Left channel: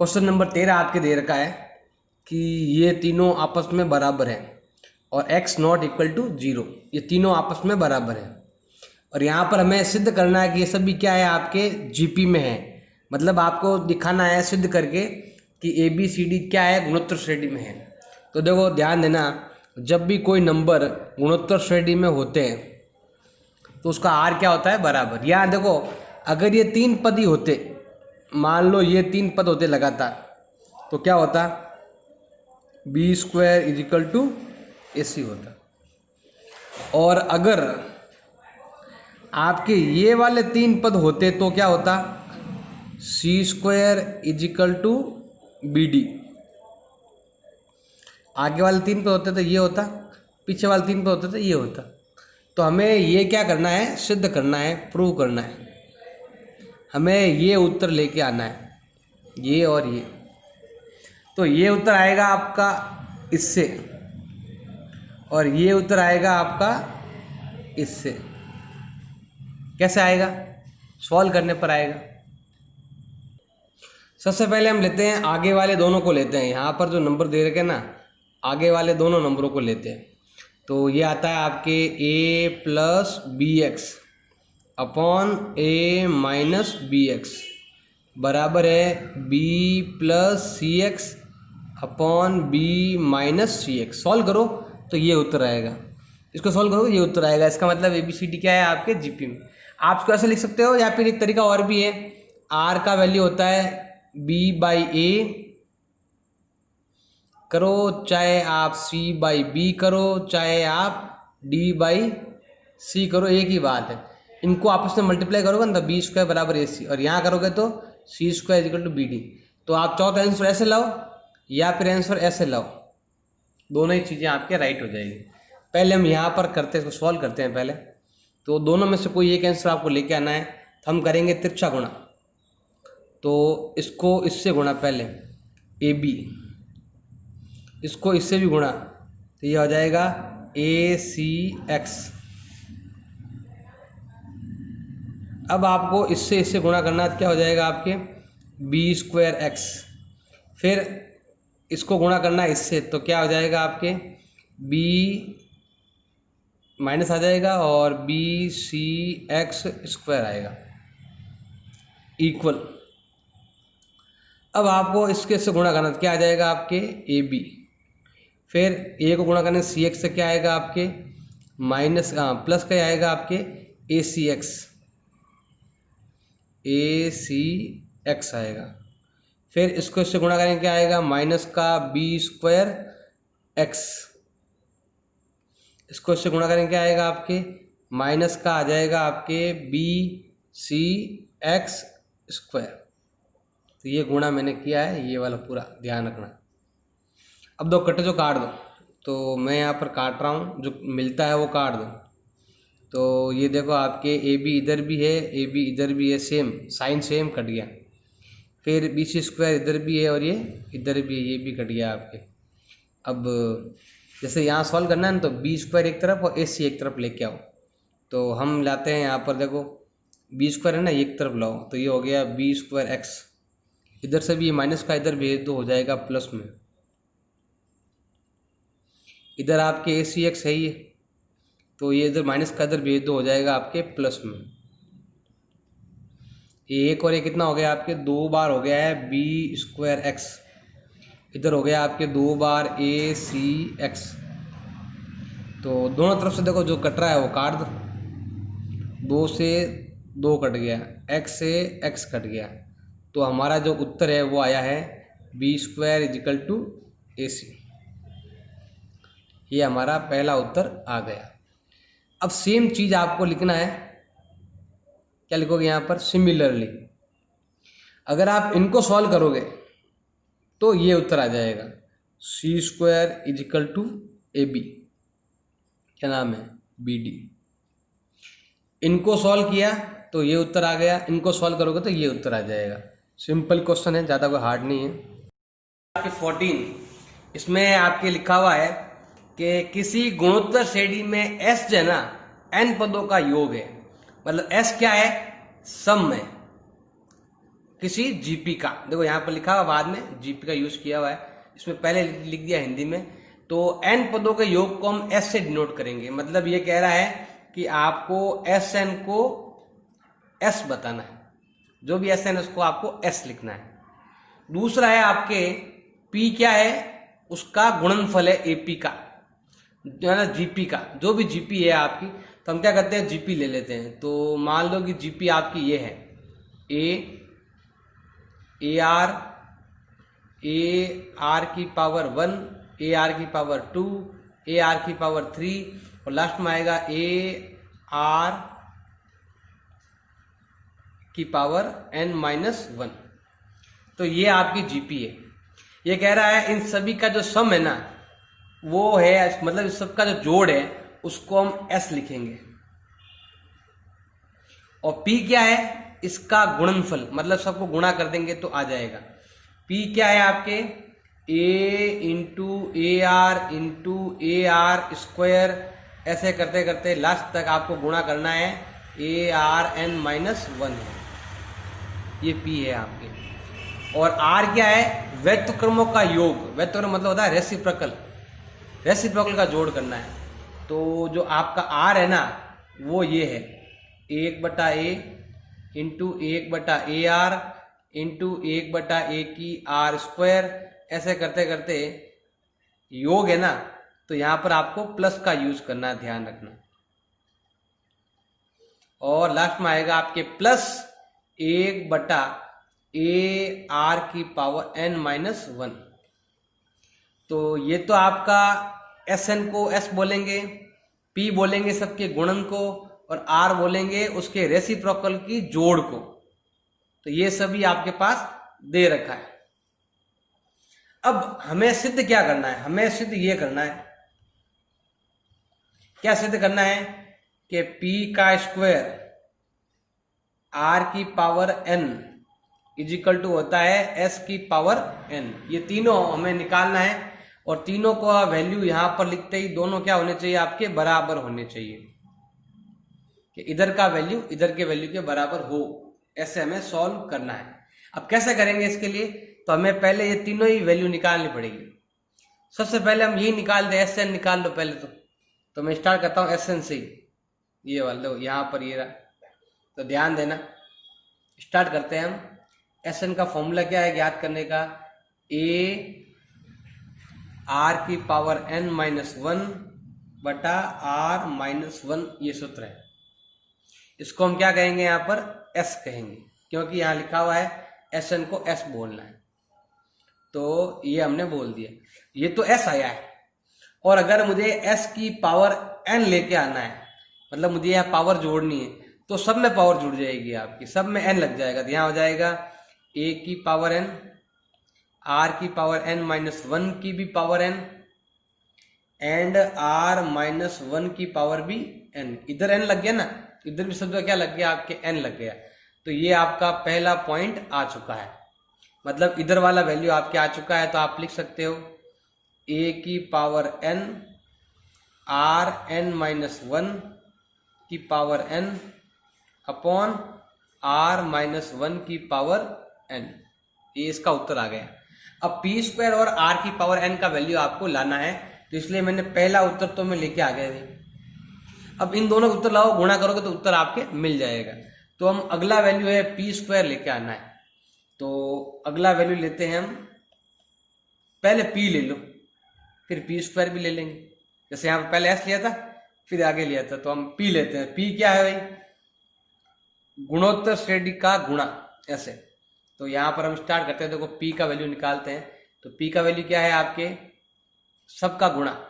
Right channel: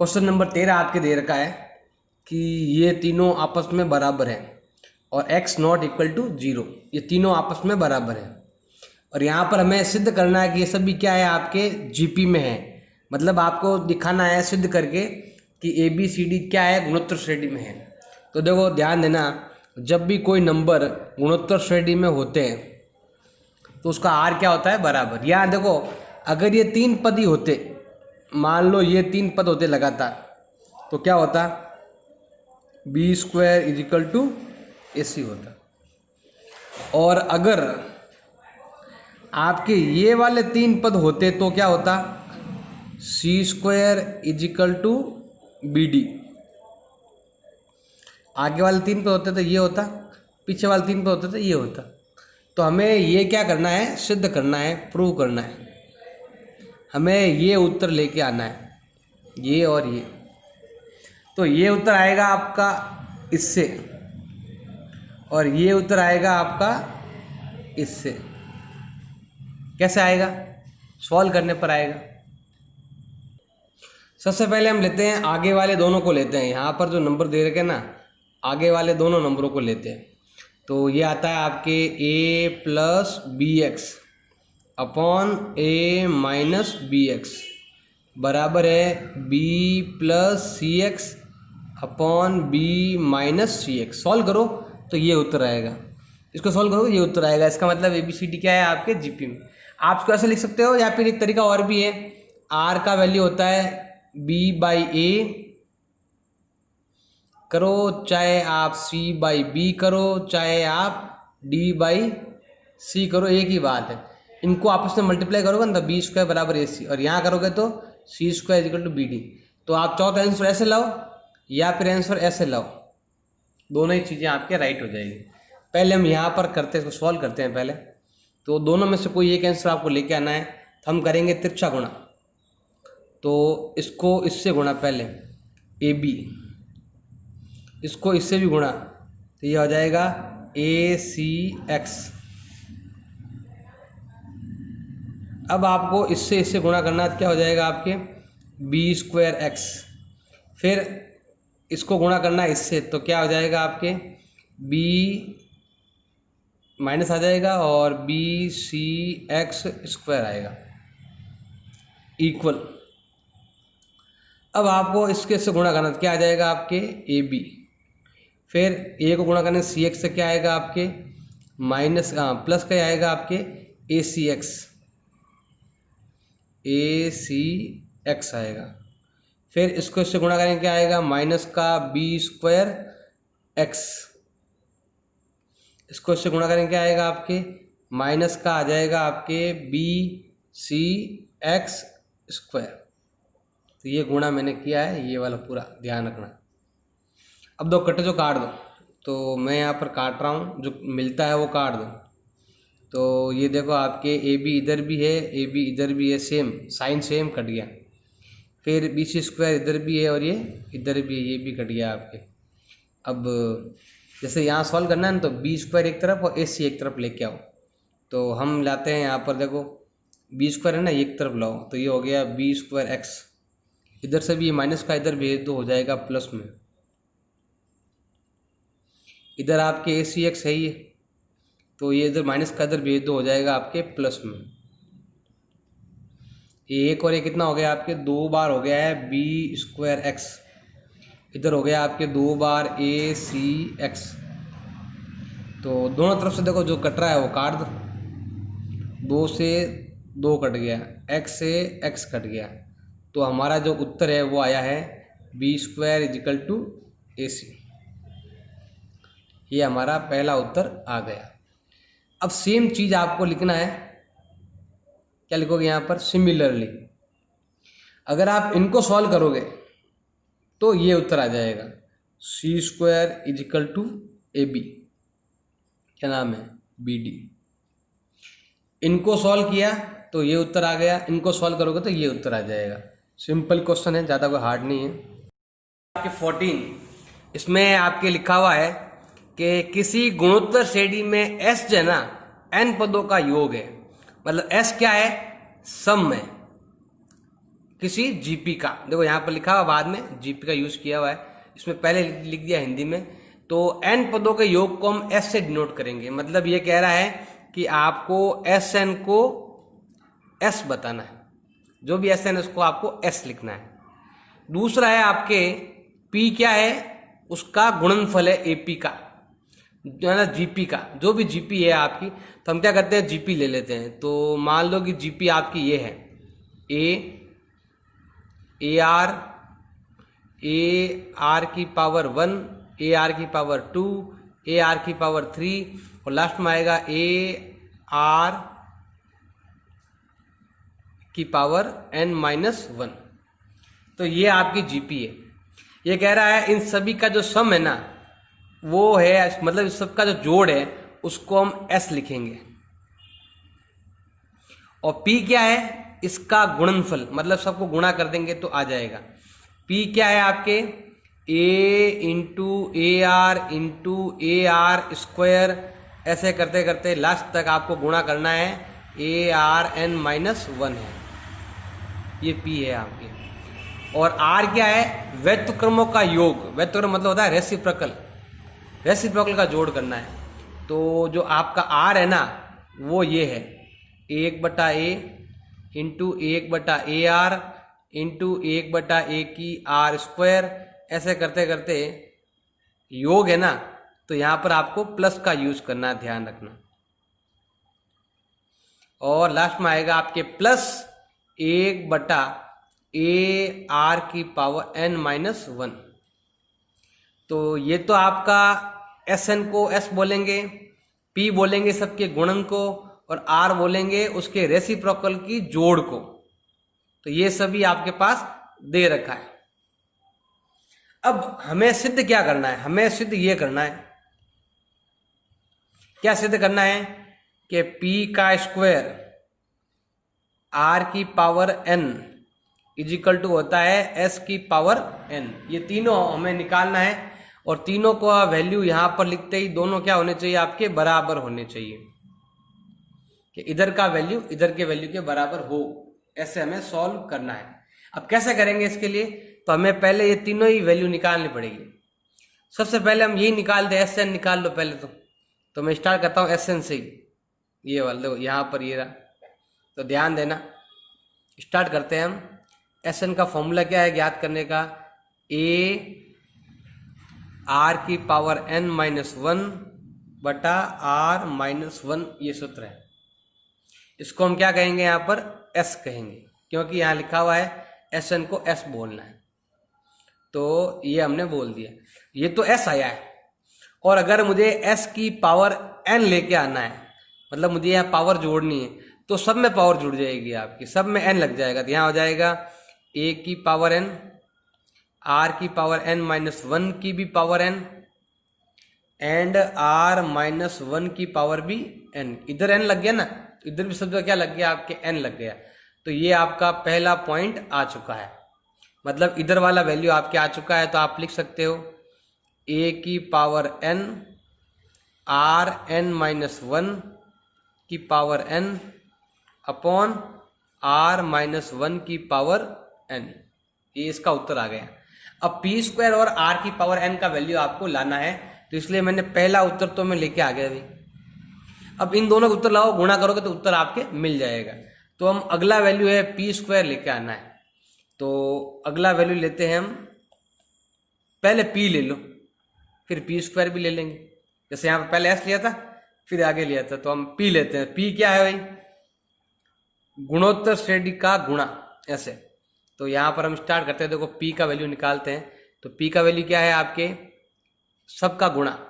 Question number 13 आपके दे रखा है कि ये तीनों आपस में बराबर हैं और x नॉट इक्वल टू 0, ये तीनों आपस में बराबर हैं और यहाँ पर हमें सिद्ध करना है कि ये सभी क्या है आपके जीपी में है। मतलब आपको दिखाना है सिद्ध करके कि ए बी सी डी क्या है, गुणोत्तर श्रेणी में है। तो देखो ध्यान देना, जब भी कोई नंबर गुणोत्तर श्रेणी में होते हैं तो उसका आर क्या होता है, बराबर। यहाँ देखो अगर ये तीन पद ही होते, मान लो ये तीन पद होते लगातार, तो क्या होता, b square is equal to a c होता। और अगर आपके ये वाले तीन पद होते तो क्या होता, c square is equal to b d. आगे वाले तीन पद होते तो ये होता, पीछे वाले तीन पद होते तो ये होता। तो हमें ये क्या करना है, सिद्ध करना है, प्रूव करना है। हमें ये उत्तर लेके आना है, ये और ये। तो ये उत्तर आएगा आपका इससे और ये उत्तर आएगा आपका इससे। कैसे आएगा, सॉल्व करने पर आएगा। सबसे पहले हम लेते हैं आगे वाले दोनों को लेते हैं। यहाँ पर जो नंबर दे रखे ना, आगे वाले दोनों नंबरों को लेते हैं। तो ये आता है आपके a plus b x upon a minus b x बराबर है b plus c x upon b minus c x. Solve करो तो ये उत्तर आएगा, इसको सॉल्व करो ये उत्तर आएगा। इसका मतलब ए बी सी डी क्या है आपके जीपी में। आप इसको ऐसे लिख सकते हो, या फिर एक तरीका और भी है, r का वैल्यू होता है b बाई ए करो, चाहे आप c बाई बी करो, चाहे आप d बाई सी करो, एक ही बात है। इनको आपस में मल्टीप्लाई करोगे ना तो बी स्क्वायर बराबर ए सी, और यहाँ करोगे तो c square equal to b d. तो आप चाहो तो आंसर ऐसे लाओ या फिर आंसर ऐसे लाओ, दोनों ही चीज़ें आपके राइट हो जाएगी। पहले हम यहाँ पर करते हैं, इसको सॉल्व करते हैं पहले। तो दोनों में से कोई एक आंसर आपको लेके आना है। तो हम करेंगे तिरछा गुणा, तो इसको इससे गुणा पहले ए बी, इसको इससे भी गुणा, तो ये हो जाएगा ए सी एक्स। अब आपको इससे इससे गुणा करना है, क्या हो जाएगा आपके बी स्क्वायर एक्स। फिर इसको गुणा करना है इससे, तो क्या हो जाएगा आपके बी माइनस आ जाएगा और बी सी एक्स स्क्वायर आएगा इक्वल। अब आपको इसके से गुणा करना, तो क्या आ जाएगा आपके ए बी। फिर ए को गुणा करने सी एक्स से क्या आएगा आपके माइनस प्लस क्या आएगा आपके ए सी एक्स आएगा। फिर इसको इससे गुणा करेंगे क्या आएगा माइनस का बी स्क्वायर एक्स, इसको इससे गुणा करेंगे क्या आएगा आपके माइनस का आ जाएगा आपके बी सी एक्स स्क्वायर। तो ये गुणा मैंने किया है, ये वाला पूरा ध्यान रखना। अब दो कट्टे जो काट दो, तो मैं यहाँ पर काट रहा हूँ, जो मिलता है वो काट दो। तो ये देखो आपके ए बी इधर भी है, ए बी इधर भी है, सेम साइन सेम कट गया। फिर बी सी स्क्वायर इधर भी है और ये इधर भी है, ये भी कट गया आपके। अब जैसे यहाँ सॉल्व करना है ना, तो बी स्क्वायर एक तरफ और ए सी एक तरफ लेके आओ। तो हम लाते हैं यहाँ पर, देखो बी स्क्वायर है ना, एक तरफ लाओ, तो ये हो गया बी स्क्वायर एक्स। इधर से भी ये माइनस का इधर भेज दो, हो जाएगा प्लस में। इधर आपके ए सी एक्स है ये, तो ये इधर माइनस का इधर भेज दो, हो जाएगा आपके प्लस में। ये एक और ये कितना हो गया आपके, दो बार हो गया है बी स्क्वायर एक्स। इधर हो गया आपके दो बार ए सी एक्स। तो दोनों तरफ से देखो जो कट रहा है वो काट दो, दो से दो कट गया, एक्स से एक्स कट गया। तो हमारा जो उत्तर है वो आया है B square is equal to a सी। ये हमारा पहला उत्तर आ गया। अब सेम चीज़ आपको लिखना है, क्या लिखोगे यहाँ पर, सिमिलरली। अगर आप इनको सॉल्व करोगे तो ये उत्तर आ जाएगा c square is equal to a b, क्या नाम है, बी डी। इनको सॉल्व किया तो ये उत्तर आ गया, इनको सॉल्व करोगे तो ये उत्तर आ जाएगा। सिंपल क्वेश्चन है, ज़्यादा कोई हार्ड नहीं है। आपके 14 इसमें आपके लिखा हुआ है कि किसी गुणोत्तर श्रेणी में एस जो है ना एन पदों का योग है। मतलब एस क्या है, सम है। किसी जीपी का, देखो यहाँ पर लिखा हुआ बाद में जीपी का यूज किया हुआ है, इसमें पहले लिख दिया हिंदी में। तो एन पदों के योग को हम एस से डिनोट करेंगे, मतलब ये कह रहा है कि आपको एस एन को एस बताना है, जो भी एस एन उसको आपको एस लिखना है। दूसरा है आपके पी क्या है, उसका गुणनफल है एपी का, जीपी का, जो भी जीपी है आपकी। तो हम क्या करते हैं, जीपी ले लेते हैं। तो मान लो कि जीपी आपकी ये है ए आर की पावर 1, ए आर की पावर 2, ए आर की पावर 3 और लास्ट में आएगा ए आर की पावर n-1। तो ये आपकी जीपी है। ये कह रहा है इन सभी का जो सम है ना वो है, मतलब इस सब का जो जोड़ है उसको हम s लिखेंगे। और p क्या है, इसका गुणनफल, मतलब सबको गुणा कर देंगे तो आ जाएगा। p क्या है आपके a आर स्क्वायर, ऐसे करते करते लास्ट तक आपको गुणा करना है, ARn-1 है, ये p है आपके। और r क्या है, व्यस्तक्रमों का योग, व्यस्तक्रम मतलब होता है रेसिप्रोकल, रेसिप्रोकल का जोड़ करना है। तो जो आपका r है ना वो ये है 1/a into 1/AR into 1/a की आर स्क्वायर, ऐसे करते करते योग है ना, तो यहां पर आपको प्लस का यूज करना है, ध्यान रखना। और लास्ट में आएगा आपके प्लस 1/AR की पावर n-1। तो ये तो आपका SN को S बोलेंगे, P बोलेंगे सबके गुणन को, और R बोलेंगे उसके रेसिप्रोकल की जोड़ को। तो ये सभी आपके पास दे रखा है। अब हमें सिद्ध क्या करना है, हमें सिद्ध ये करना है, क्या सिद्ध करना है कि P का स्क्वायर R की पावर n इजिकल टू होता है S की पावर n। ये तीनों हमें निकालना है, और तीनों का वैल्यू यहां पर लिखते ही दोनों क्या होने चाहिए, आपके बराबर होने चाहिए, कि इधर का वैल्यू इधर के वैल्यू के बराबर हो, ऐसे हमें सॉल्व करना है। अब कैसे करेंगे इसके लिए, तो हमें पहले ये तीनों ही वैल्यू निकालनी पड़ेगी। सबसे पहले हम यही निकाल दे, एस एन निकाल लो पहले। तो मैं स्टार्ट करता हूँ एस एन से ही, ये वाला देखो यहाँ पर ये रहा, तो ध्यान देना। स्टार्ट करते हैं हम। एस एन का फॉर्मूला क्या है ज्ञात करने का, ए आर की पावर n-1 बटा r-1, ये सूत्र है। इसको हम क्या कहेंगे, यहाँ पर s कहेंगे, क्योंकि यहाँ लिखा हुआ है एस एन को s बोलना है। तो ये हमने बोल दिया, ये तो s आया है। और अगर मुझे s की पावर n लेके आना है, मतलब मुझे यहाँ पावर जोड़नी है, तो सब में पावर जुड़ जाएगी आपकी, सब में n लग जाएगा। तो यहाँ हो जाएगा a की पावर n, r की पावर n-1 की भी पावर n, एंड r-1 की पावर भी n। इधर n लग गया ना, इधर भी सब क्या लग गया, आपके n लग गया। तो ये आपका पहला पॉइंट आ चुका है, मतलब इधर वाला वैल्यू आपके आ चुका है। तो आप लिख सकते हो a की पावर n r-1 की पावर n अपॉन r-1 की पावर n, ये इसका उत्तर आ गया। अब p स्क्वायर और r की पावर n का वैल्यू आपको लाना है, तो इसलिए मैंने पहला उत्तर तो मैं लेके आ गया नहीं। अब इन दोनों का उत्तर लाओ, गुणा करोगे तो उत्तर आपके मिल जाएगा। तो हम अगला वैल्यू है p स्क्वायर लेके आना है। तो अगला वैल्यू लेते हैं हम, पहले p ले लो फिर p स्क्वायर भी ले लेंगे। जैसे यहाँ पे पहले s लिया था फिर आगे लिया था, तो हम p लेते हैं। p क्या है भाई, गुणोत्तर श्रेणी का गुणा, ऐसे। तो यहाँ पर हम स्टार्ट करते हैं, देखो p का वैल्यू निकालते हैं। तो p का वैल्यू क्या है आपके, सबका गुणा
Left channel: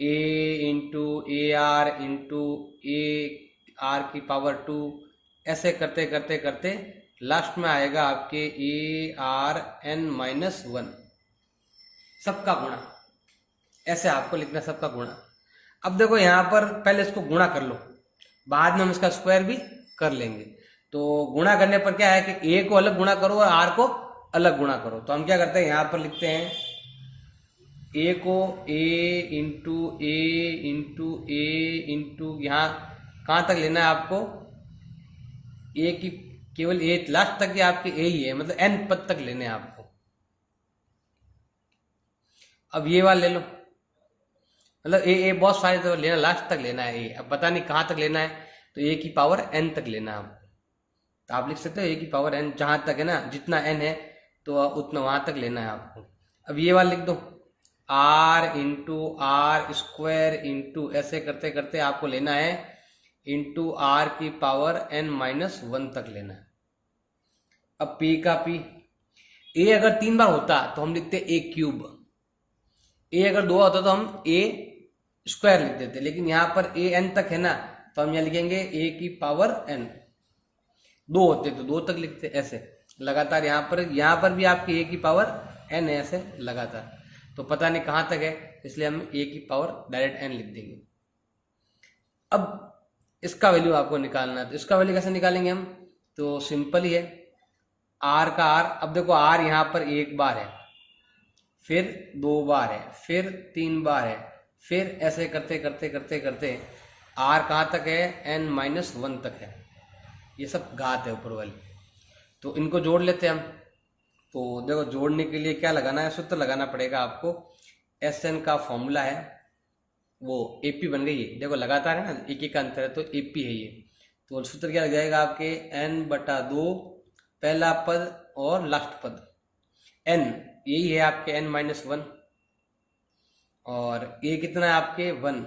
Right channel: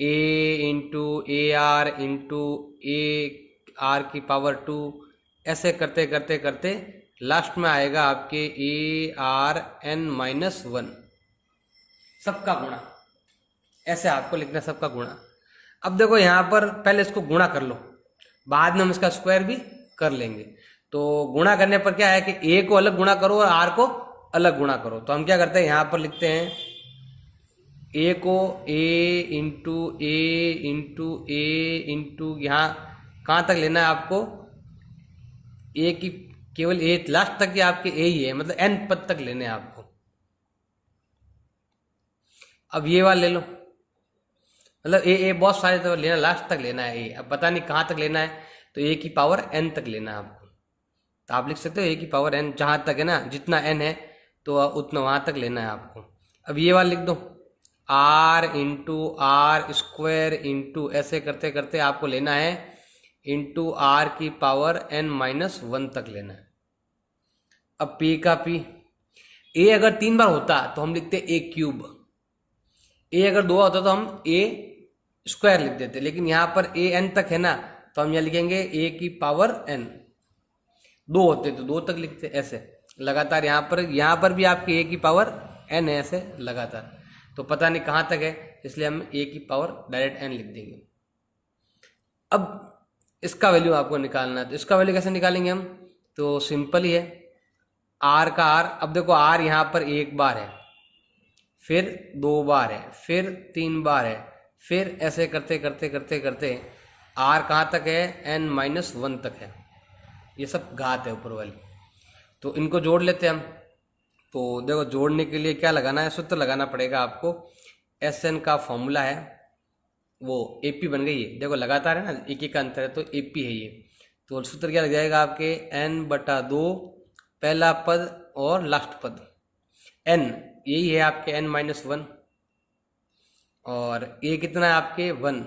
a into A R into A R की पावर 2, ऐसे करते करते करते लास्ट में आएगा आपके ARn-1, सबका गुणा, ऐसे आपको लिखना सबका गुणा। अब देखो यहाँ पर पहले इसको गुणा कर लो, बाद में हम इसका स्क्वायर भी कर लेंगे। तो गुणा करने पर क्या है कि a को अलग गुणा करो और r को अलग गुणा करो। तो हम क्या करते हैं, यहाँ पर लिखते हैं a को a इंटू यहाँ कहाँ तक लेना है आपको, a की केवल ए लास्ट तक के आपके ए ही है, मतलब एन पद तक लेने हैं आपको। अब ये वाला ले लो, मतलब ए बहुत सारे तो लेना, लास्ट तक लेना है ए। अब पता नहीं कहाँ तक लेना है, तो ए की पावर एन तक लेना है आपको। तो आप लिख सकते हो ए की पावर एन, जहाँ तक है ना, जितना एन है तो उतना वहाँ तक लेना है आपको। अब ये वाला लिख दो, r into r square into, ऐसे करते करते आपको लेना है इंटू आर की पावर एन माइनस 1 तक लेना है। अब पी का पी, ए अगर 3 बार होता तो हम लिखते ए क्यूब, ए अगर 2 होता तो हम ए स्क्वायर लिख देते, लेकिन यहाँ पर ए एन तक है ना, तो हम यहाँ लिखेंगे ए की पावर एन। 2 होते तो 2 तक लिखते, ऐसे लगातार। यहाँ पर भी आपकी ए की पावर एन है, ऐसे लगातार। तो पता नहीं कहाँ तक है, इसलिए हम ए की पावर डायरेक्ट एन लिख देंगे। अब इसका वैल्यू आपको निकालना है, तो इसका वैल्यू कैसे निकालेंगे हम? तो सिंपल ही है, आर का आर। अब देखो आर यहाँ पर 1 बार है, फिर 2 बार है, फिर 3 बार है, फिर ऐसे करते करते करते करते आर कहाँ तक है? एन माइनस 1 तक है। ये सब घात है ऊपर वाली, तो इनको जोड़ लेते हैं हम। तो देखो जोड़ने के लिए क्या लगाना है? सूत्र लगाना पड़ेगा आपको। एस एन का फॉर्मूला है वो एपी बन गई है, देखो लगातार है ना, एक एक का अंतर है, तो एपी है ये। तो सूत्र क्या लग जाएगा आपके? एन बटा 2 पहला पद और लास्ट पद, एन यही है आपके एन माइनस 1, और ये कितना है आपके 1,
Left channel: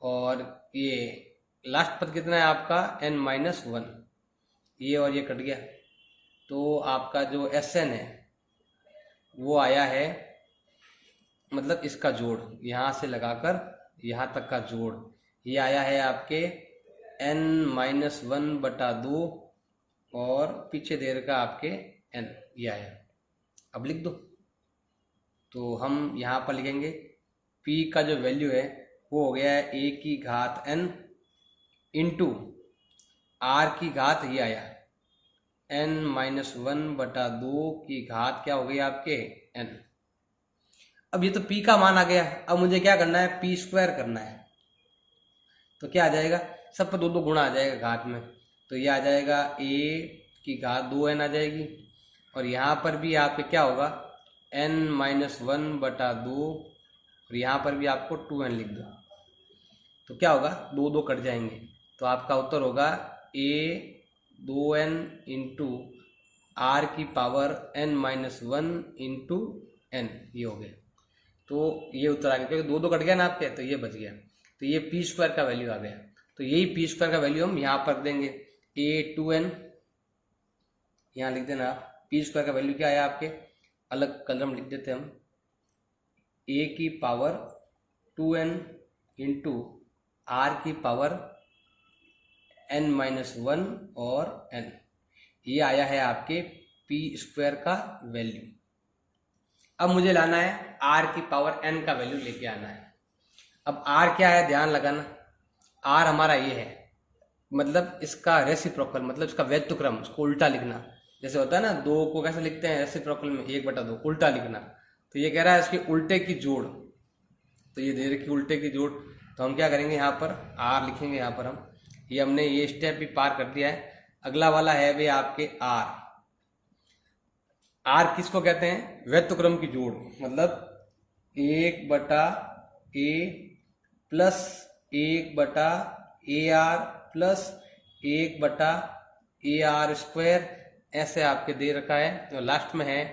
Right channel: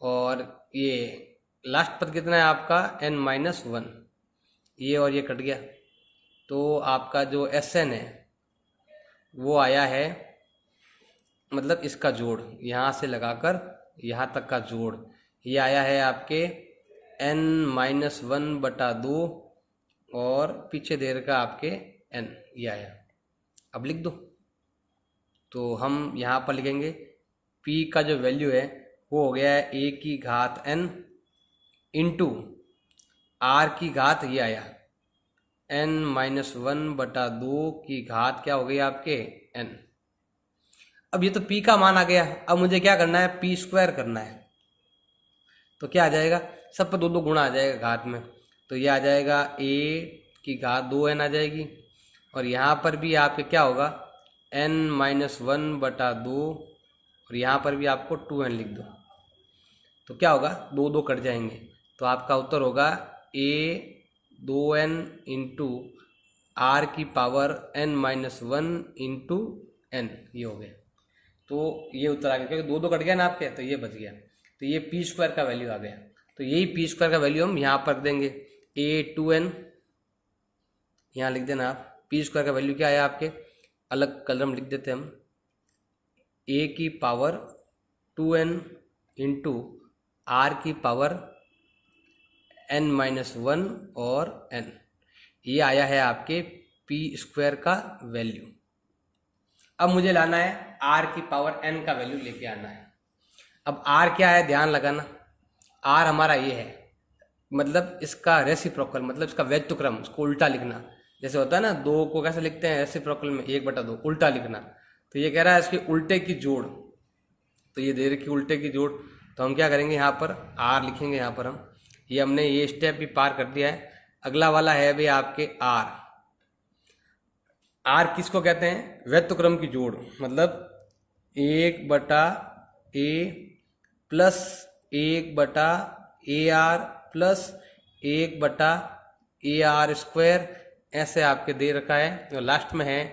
और ये लास्ट पद कितना है आपका? N minus 1। ये और ये कट गया, तो आपका जो एस एन है वो आया है, मतलब इसका जोड़ यहाँ से लगाकर यहाँ तक का जोड़, ये आया है आपके एन माइनस 1 बटा 2 और पीछे दे रखा आपके एन, ये आया। अब लिख दो, तो हम यहाँ पर लिखेंगे P का जो वैल्यू है वो हो गया है ए की घात n इंटू आर की घात, ये आया n माइनस 1 बटा 2 की घात क्या हो गई आपके n। अब ये तो P का मान आ गया, अब मुझे क्या करना है? P स्क्वायर करना है। तो क्या आ जाएगा? सब पे 2 गुणा आ जाएगा घात में, तो ये आ जाएगा a की घात 2n आ जाएगी, और यहाँ पर भी आपके क्या होगा? n माइनस 1 बटा 2, और यहाँ पर भी आपको 2n लिख दो, तो क्या होगा? 2 कट जाएंगे, तो आपका उत्तर होगा a 2n इंटू आर की power n minus 1 into n, ये हो गया। तो ये उत्तर आ गया, क्योंकि 2 कट गया ना आपके, तो ये बच गया। तो ये पी स्क्वायर का वैल्यू आ गया, तो यही पी स्क्वायर का वैल्यू हम यहाँ पर देंगे, a 2n यहाँ लिख देना आप। पी स्क्वायर का वैल्यू क्या है आपके? अलग कलम लिख देते हम, a की पावर 2n इंटू आर की पावर n माइनस 1 और n, ये आया है आपके पी स्क्वायर का वैल्यू। अब मुझे लाना है r की पावर n का वैल्यू लेके आना है। अब r क्या है? ध्यान लगाना, r हमारा ये है, मतलब इसका रेसिप्रोकल, मतलब इसका व्यस्तक्रम, इसको उल्टा लिखना। जैसे होता है ना, 2 को कैसे लिखते हैं रेसिप्रोकल में? 1 बटा 2, उल्टा लिखना। तो ये कह रहा है इसके उल्टे की जोड़, तो ये दे रखी उल्टे की जोड़, तो हम क्या करेंगे? यहाँ पर r लिखेंगे, यहाँ पर हम ये हमने ये स्टेप भी पार कर दिया है। अगला वाला है भी आपके r किसको कहते हैं? व्यस्तक्रम की जोड़, मतलब 1 बटा a प्लस 1 बटा AR प्लस 1 बटा AR स्क्वायर, ऐसे आपके दे रखा है। तो लास्ट में है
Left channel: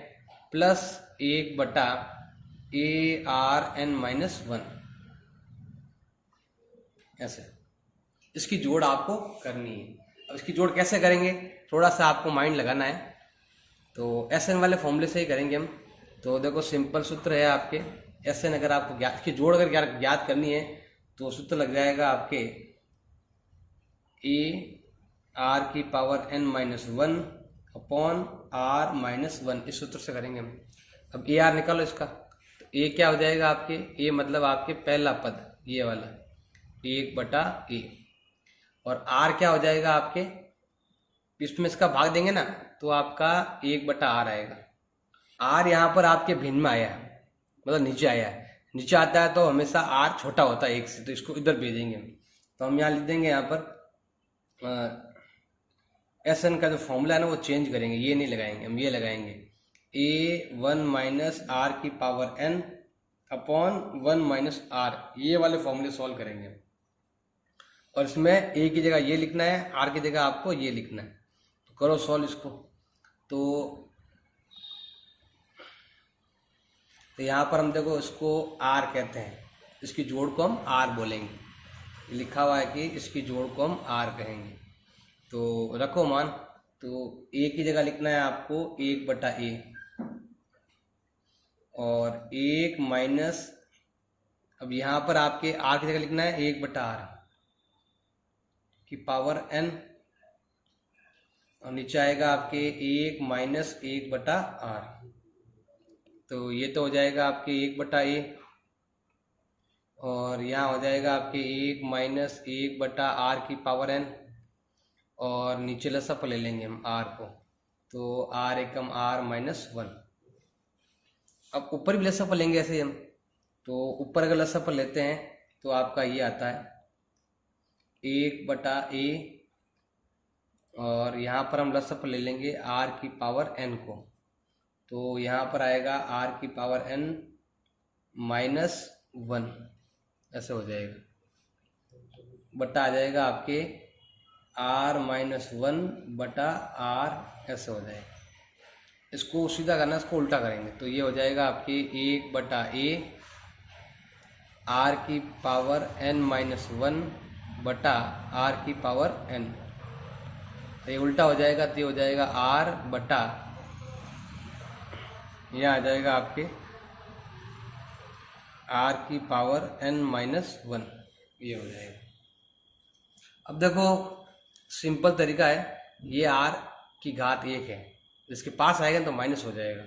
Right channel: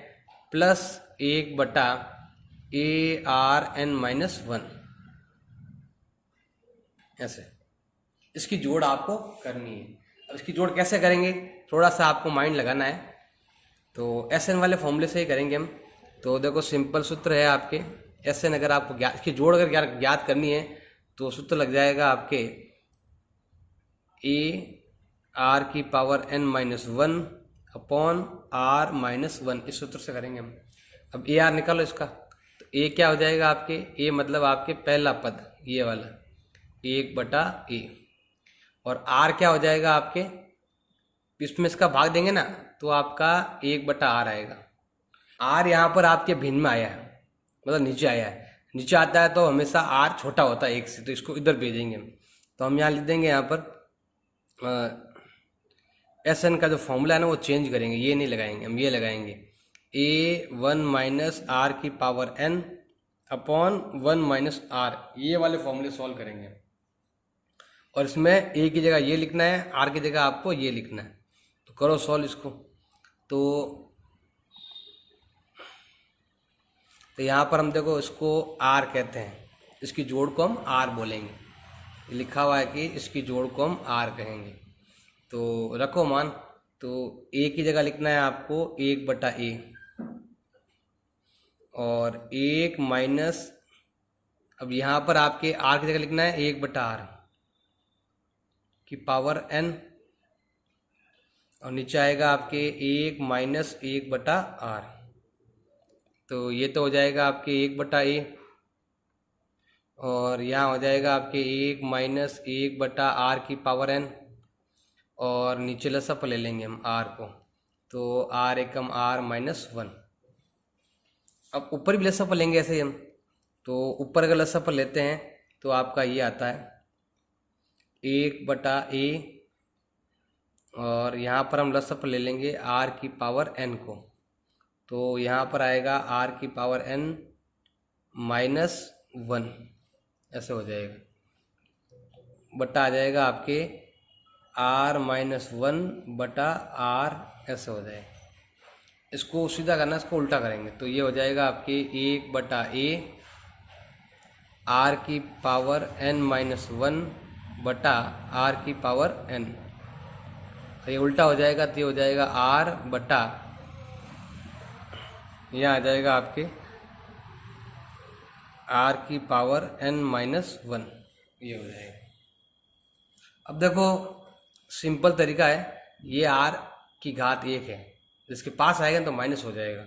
प्लस 1 बटा ARN माइनस 1, ऐसे इसकी जोड़ आपको करनी है। अब इसकी जोड़ कैसे करेंगे? थोड़ा सा आपको माइंड लगाना है, तो SN वाले फॉर्मूले से ही करेंगे हम। तो देखो सिंपल सूत्र है आपके, SN अगर आपको इसकी जोड़ अगर ज्ञात करनी है तो सूत्र लग जाएगा आपके AR की power n minus 1 upon R minus 1, इस सूत्र से करेंगे हम। अब AR निकालो इसका, तो A क्या हो जाएगा आपके? A मतलब आपके पहला पद, ये वाला 1 बटा A, और R क्या हो जाएगा आपके? इसमें इसका भाग देंगे ना, तो आपका 1 बटा R आएगा। R यहाँ पर आपके भिन्न में आया है, मतलब नीचे आया है। नीचे आता है तो हमेशा R छोटा होता है 1 से, तो इसको इधर भेजेंगे हम। तो हम यहाँ लिख देंगे यहाँ पर एस एन का जो फॉर्मूला है ना वो चेंज करेंगे, ये नहीं लगाएंगे हम, ये लगाएंगे a1 माइनस आर की power n upon 1 minus r, ये वाले फॉर्मूले सॉल्व करेंगे। और इसमें a की जगह ये लिखना है, r की जगह आपको ये लिखना है। तो करो सॉल्व इसको। तो यहाँ पर हम देखो इसको r कहते हैं, इसकी जोड़ को हम r बोलेंगे। लिखा हुआ है कि इसकी जोड़ को हम r कहेंगे। तो रखो मान, तो a की जगह लिखना है आपको 1/a और 1 माइनस, अब यहाँ पर आपके r की जगह लिखना है 1/r की पावर n, और नीचे आएगा आपके 1 माइनस 1/r। तो ये तो हो जाएगा आपके 1/a, और यहाँ हो जाएगा आपके 1 माइनस 1/r की पावर n, और नीचे लसअप ले लेंगे हम r को, तो r एकम r माइनस 1। अब ऊपर भी लसअप लेंगे ऐसे हम, तो ऊपर अगर लसअप लेते हैं तो आपका ये आता है 1/a, और यहाँ पर हम लसअप ले लेंगे r की पावर n को, तो यहाँ पर आएगा r की पावर n माइनस 1, ऐसे हो जाएगा। बटा आ जाएगा आपके r माइनस 1/r, ऐसे हो जाएगा। इसको सीधा करना, इसको उल्टा करेंगे तो ये हो जाएगा आपके 1/a r की पावर n माइनस 1/r की पावर n। तो ये उल्टा हो जाएगा, तो ये हो जाएगा r बटा, यह आ जाएगा आपके r की पावर n माइनस 1, ये हो जाएगा। अब देखो सिंपल तरीका है, ये r की घात 1 है, इसके पास आएगा तो माइनस हो जाएगा।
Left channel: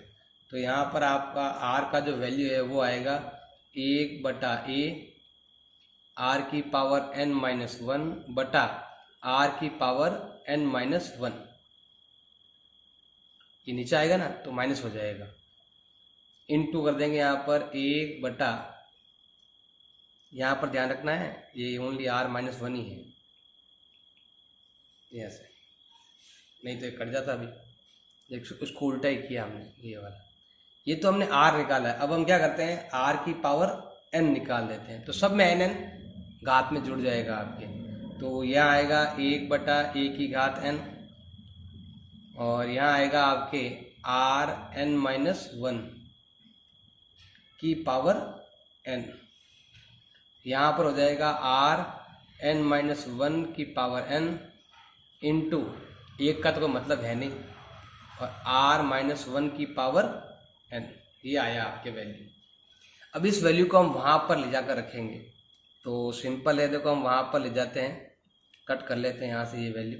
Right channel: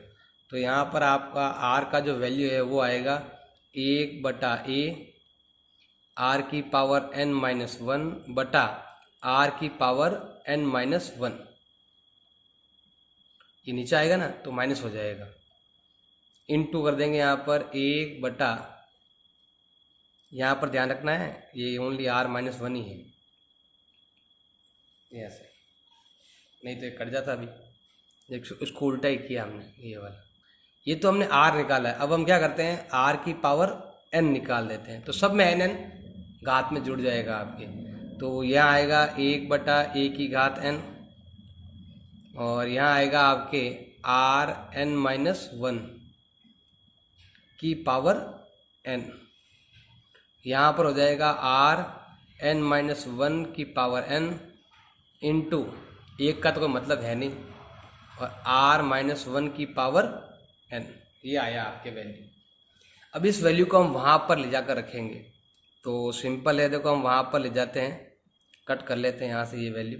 तो यहाँ पर आपका r का जो वैल्यू है वो आएगा 1/a r की पावर n माइनस 1/r की पावर n माइनस 1। ये नीचे आएगा ना तो माइनस हो जाएगा, इनटू कर देंगे यहाँ पर 1/, यहाँ पर ध्यान रखना है ये ओनली r माइनस 1 ही है, ये ऐसे, नहीं तो ये कट जाता अभी। उसको उल्टा ही किया हमने, ये वाला। ये तो हमने r निकाला है, अब हम क्या करते हैं r की पावर n निकाल देते हैं। तो सब में n घात में जुड़ जाएगा आपके, तो यह आएगा 1/a की घात n, और यहाँ आएगा आपके r n माइनस 1 की पावर n। यहाँ पर हो जाएगा r n माइनस 1 की पावर n इंटू, एक का तो कोई मतलब है नहीं, और r माइनस 1 की पावर n, ये आया आपके वैल्यू। अब इस वैल्यू को हम वहाँ पर ले जाकर रखेंगे, तो सिंपल है, देखो हम वहाँ पर ले जाते हैं, कट कर लेते हैं यहाँ से ये वैल्यू,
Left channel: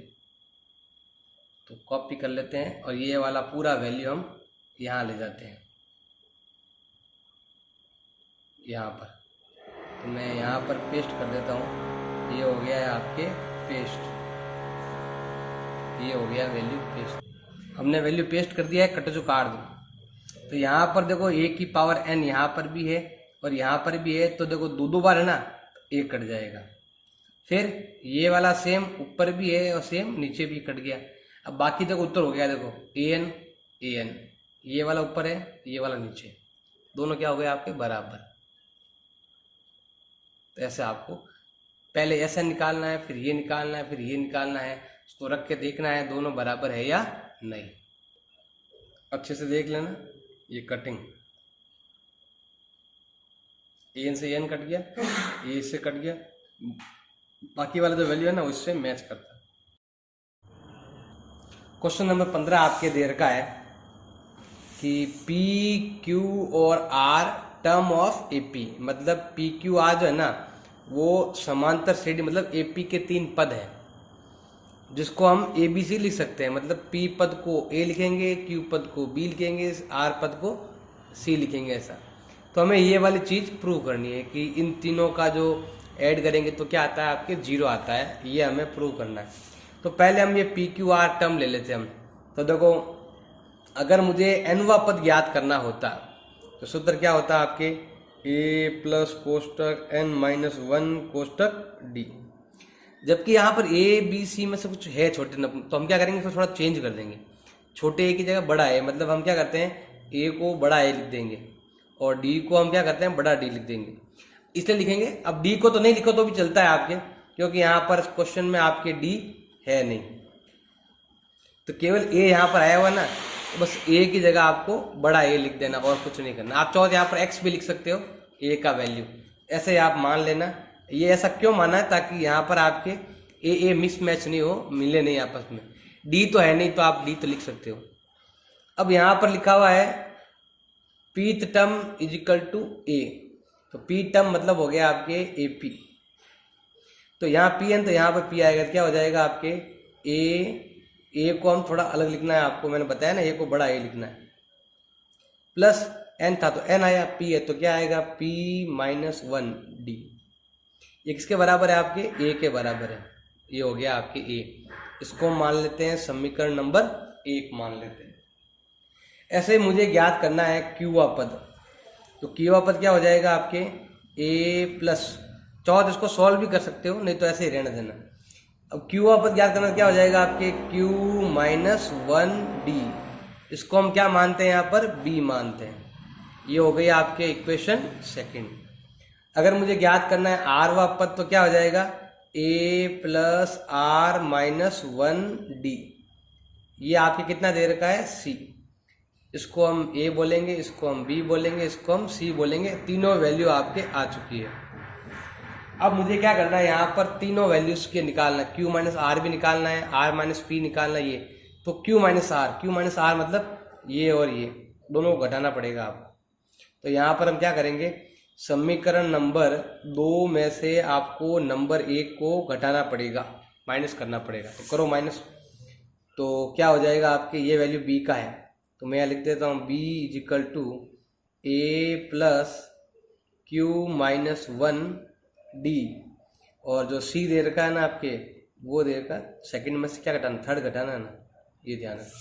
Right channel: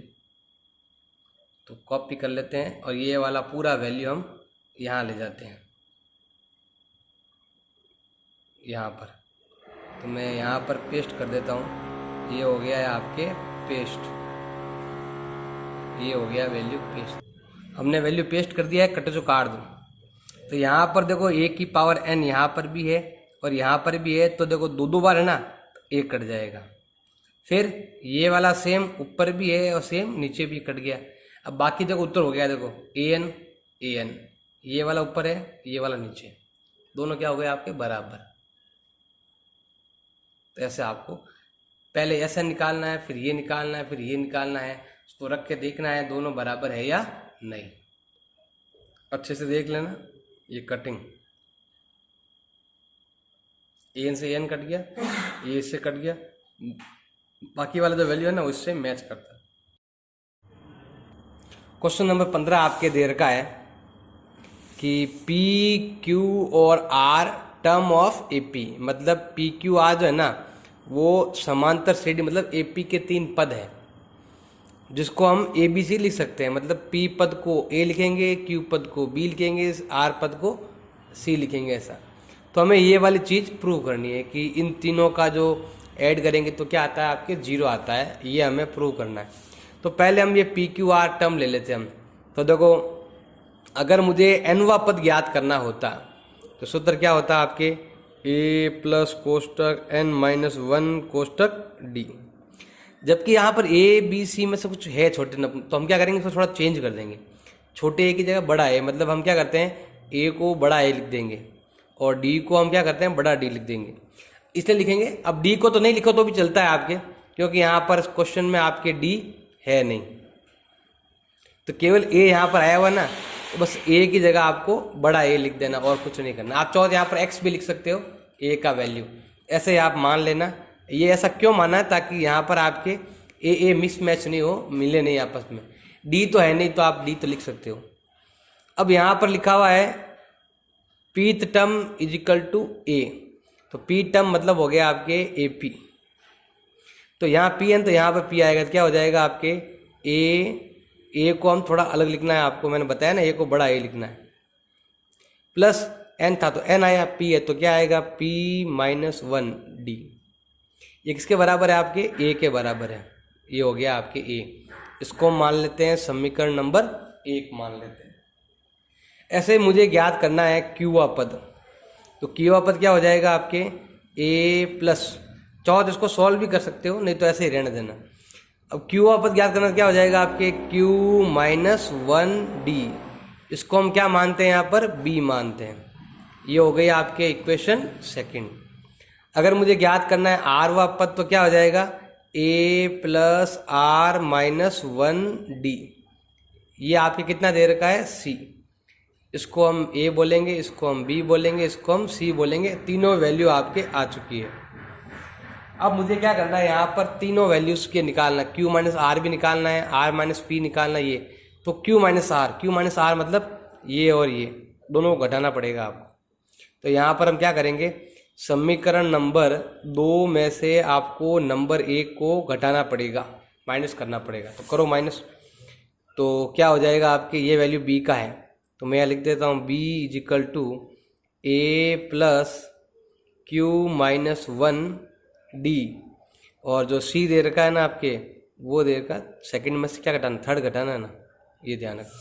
तो कॉपी कर लेते हैं, और ये वाला पूरा वैल्यू हम यहाँ ले जाते हैं यहाँ पर। तो मैं यहाँ पर पेस्ट कर देता हूँ, ये हो गया है आपके पेस्ट, ये हो गया वैल्यू पेस्ट। हमने वैल्यू पेस्ट कर दिया है, कटे जो काट दो। तो यहाँ पर देखो a की पावर n यहाँ पर भी है और यहाँ पर भी है, तो देखो दो बार है ना, एक कट जाएगा। फिर ये वाला सेम ऊपर भी है और सेम नीचे भी कट गया। अब बाकी देखो उत्तर हो गया, देखो an, ये वाला ऊपर है, ये वाला नीचे, दोनों क्या हो गए आपके बराबर। तो ऐसे आपको पहले ऐसा निकालना है, फिर ये निकालना है, फिर ये निकालना है, उसको रख के देखना है दोनों बराबर है या नहीं। अच्छे से देख लेना, ये कटिंग एन से एन कट गया, ए से कट गया, बाकी वाला जो वैल्यू है ना उससे मैच करता है। क्वेश्चन नंबर 15 आपके दे रखा है कि पी क्यू और आर टर्म ऑफ एपी, मतलब पी क्यू आर जो है ना वो समांतर श्रेणी, मतलब एपी के 3 पद है, जिसको हम ए बी सी लिख सकते हैं। मतलब पी पद को ए लिखेंगे, क्यू पद को बी लिखेंगे, आर पद को सी लिखेंगे, ऐसा। तो हमें ये वाली चीज़ प्रूव करनी है कि इन तीनों का जो ऐड करेंगे तो क्या आता है आपके 0 आता है, ये हमें प्रूव करना है। तो पहले हम ये पी क्यू आर टर्म ले लेते हैं हम। तो देखो अगर मुझे एनवा पद ज्ञात करना होता तो सूत्र क्या होता है आपके a प्लस कोष्टक n माइनस 1 कोष्टक d। जबकि यहाँ पर ए बी सी में से कुछ है छोटे नंबर, तो हम क्या करेंगे, फिर थोड़ा चेंज कर देंगे। छोटे ए की जगह बड़ा ए, मतलब हम क्या करते हैं, ए को बड़ा ए लिख देंगे और डी को हम क्या करते हैं, बड़ा डी लिख देंगे। इसलिए लिखेंगे, अब डी को तो नहीं लिखो तो भी चलता है आपके, क्योंकि यहाँ पर क्वेश्चन में आपके डी है नहीं, तो केवल ए यहाँ पर आया हुआ है ना, तो बस ए की जगह आपको बड़ा ए लिख देना और कुछ नहीं करना। आप चाहो तो यहाँ पर एक्स भी लिख सकते हो, ए का वैल्यू ऐसे आप मान लेना। ये ऐसा क्यों माना है, ताकि यहाँ पर आपके ए मिसमैच नहीं हो, मिले नहीं आपस में। डी तो है नहीं तो आप डी तो लिख सकते हो। अब यहाँ पर लिखा हुआ है pth term is equal to a, तो पी टर्म मतलब हो गया आपके ए पी, तो यहाँ पी एन, तो यहाँ पर पी आएगा, क्या हो जाएगा आपके ए को हम थोड़ा अलग लिखना है, आपको मैंने बताया ना, ए को बड़ा ए लिखना है, प्लस एन था तो एन आया, पी है तो क्या आएगा पी माइनस वन डी। ये किसके बराबर है, आपके ए के बराबर है। ये हो गया आपके ए, इसको मान लेते हैं समीकरण नंबर 1 मान लेते हैं। ऐसे मुझे ज्ञात करना है क्यूआ पद, तो क्यूआ पद क्या हो जाएगा आपके ए प्लस, चाहो तो इसको सॉल्व भी कर सकते हो, नहीं तो ऐसे ही रहने देना। अब क्यूआ पद ज्ञात करना क्या हो जाएगा आपके क्यू माइनस वन डी, इसको हम क्या मानते हैं यहाँ पर बी मानते हैं। ये हो गई आपके इक्वेशन सेकंड। अगर मुझे ज्ञात करना है आर वा पद, तो क्या हो जाएगा a plus r minus one d. ये आपके कितना दे रखा है सी, इसको हम ए बोलेंगे, इसको हम बी बोलेंगे, इसको हम सी बोलेंगे। तीनों वैल्यू आपके आ चुकी है। अब मुझे क्या करना है, यहाँ पर तीनों वैल्यूज के निकालना, क्यू माइनस आर भी निकालना है, आर माइनस पी निकालना है। ये तो क्यू माइनस आर मतलब ये और ये दोनों को घटाना पड़ेगा आपको। तो यहाँ पर हम क्या करेंगे, समीकरण नंबर 2 में से आपको नंबर 1 को घटाना पड़ेगा, माइनस करना पड़ेगा। तो करो माइनस, तो क्या हो जाएगा आपके, ये वैल्यू बी का है, तो मैं यहाँ लिख देता हूँ b is equal to a plus q minus one d, और जो सी दे रखा है ना आपके, वो दे रखा सेकंड में से क्या घटाना, थर्ड घटाना है ना, ये ध्यान रखो।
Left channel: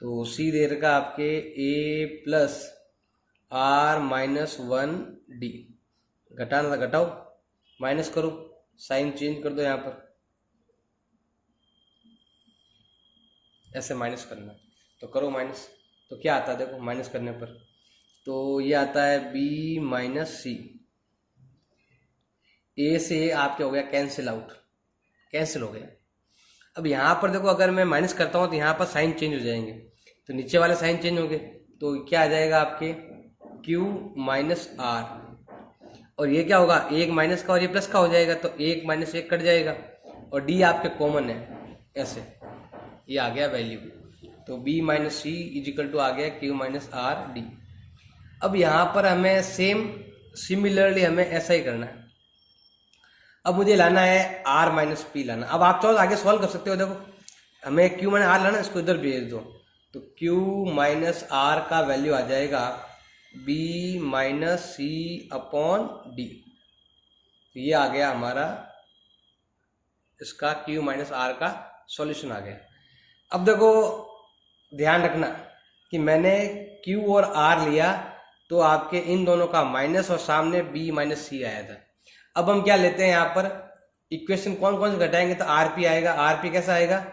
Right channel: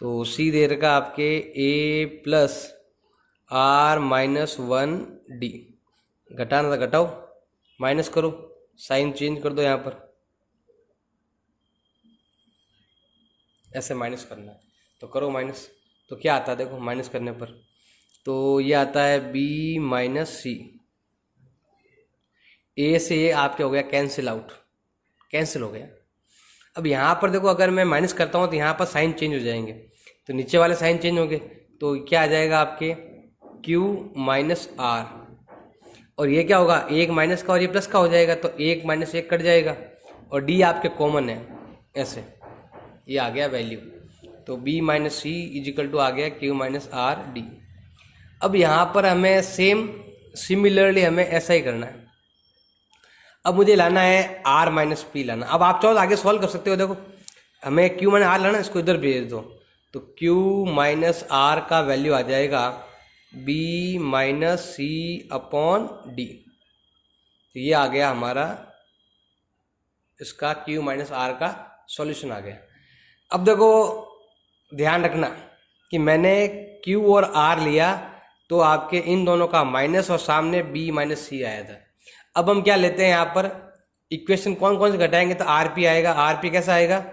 तो सी दे रखा आपके a plus r minus one d, घटाना था घटाओ, माइनस करो, साइन चेंज कर दो, यहाँ पर ऐसे माइनस करना है, तो करो माइनस। तो क्या आता है देखो माइनस करने पर, तो ये आता है बी माइनस सी। ए से ये आपके हो गया कैंसिल आउट, कैंसिल हो गया। अब यहाँ पर देखो अगर मैं माइनस करता हूँ तो यहाँ पर साइन चेंज हो जाएंगे, तो नीचे वाले साइन चेंज होंगे, तो क्या आ जाएगा आपके Q माइनस आर, और ये क्या होगा एक माइनस का और ये प्लस का हो जाएगा, तो एक माइनस एक कट जाएगा, और D आपके कॉमन है, ऐसे ये आ गया वैल्यू। तो B minus c is equal to आ गया Q माइनस आर डी। अब यहाँ पर हमें सिमिलरली हमें ऐसा ही करना है। अब मुझे लाना है R माइनस पी लाना। अब आप चाहो तो आगे सॉल्व कर सकते हो, देखो हमें Q माइनस आर लाना, इसको इधर भेज दो, तो Q माइनस आर का वैल्यू आ जाएगा B माइनस सी अपॉन डी। तो ये आ गया हमारा इसका Q माइनस आर का सॉल्यूशन आ गया। अब देखो ध्यान रखना कि मैंने Q और R लिया तो आपके इन दोनों का माइनस और सामने B माइनस सी आया था। अब हम क्या लेते हैं यहाँ पर इक्वेशन कौन कौन से घटाएंगे, तो RP आएगा। RP कैसा आएगा,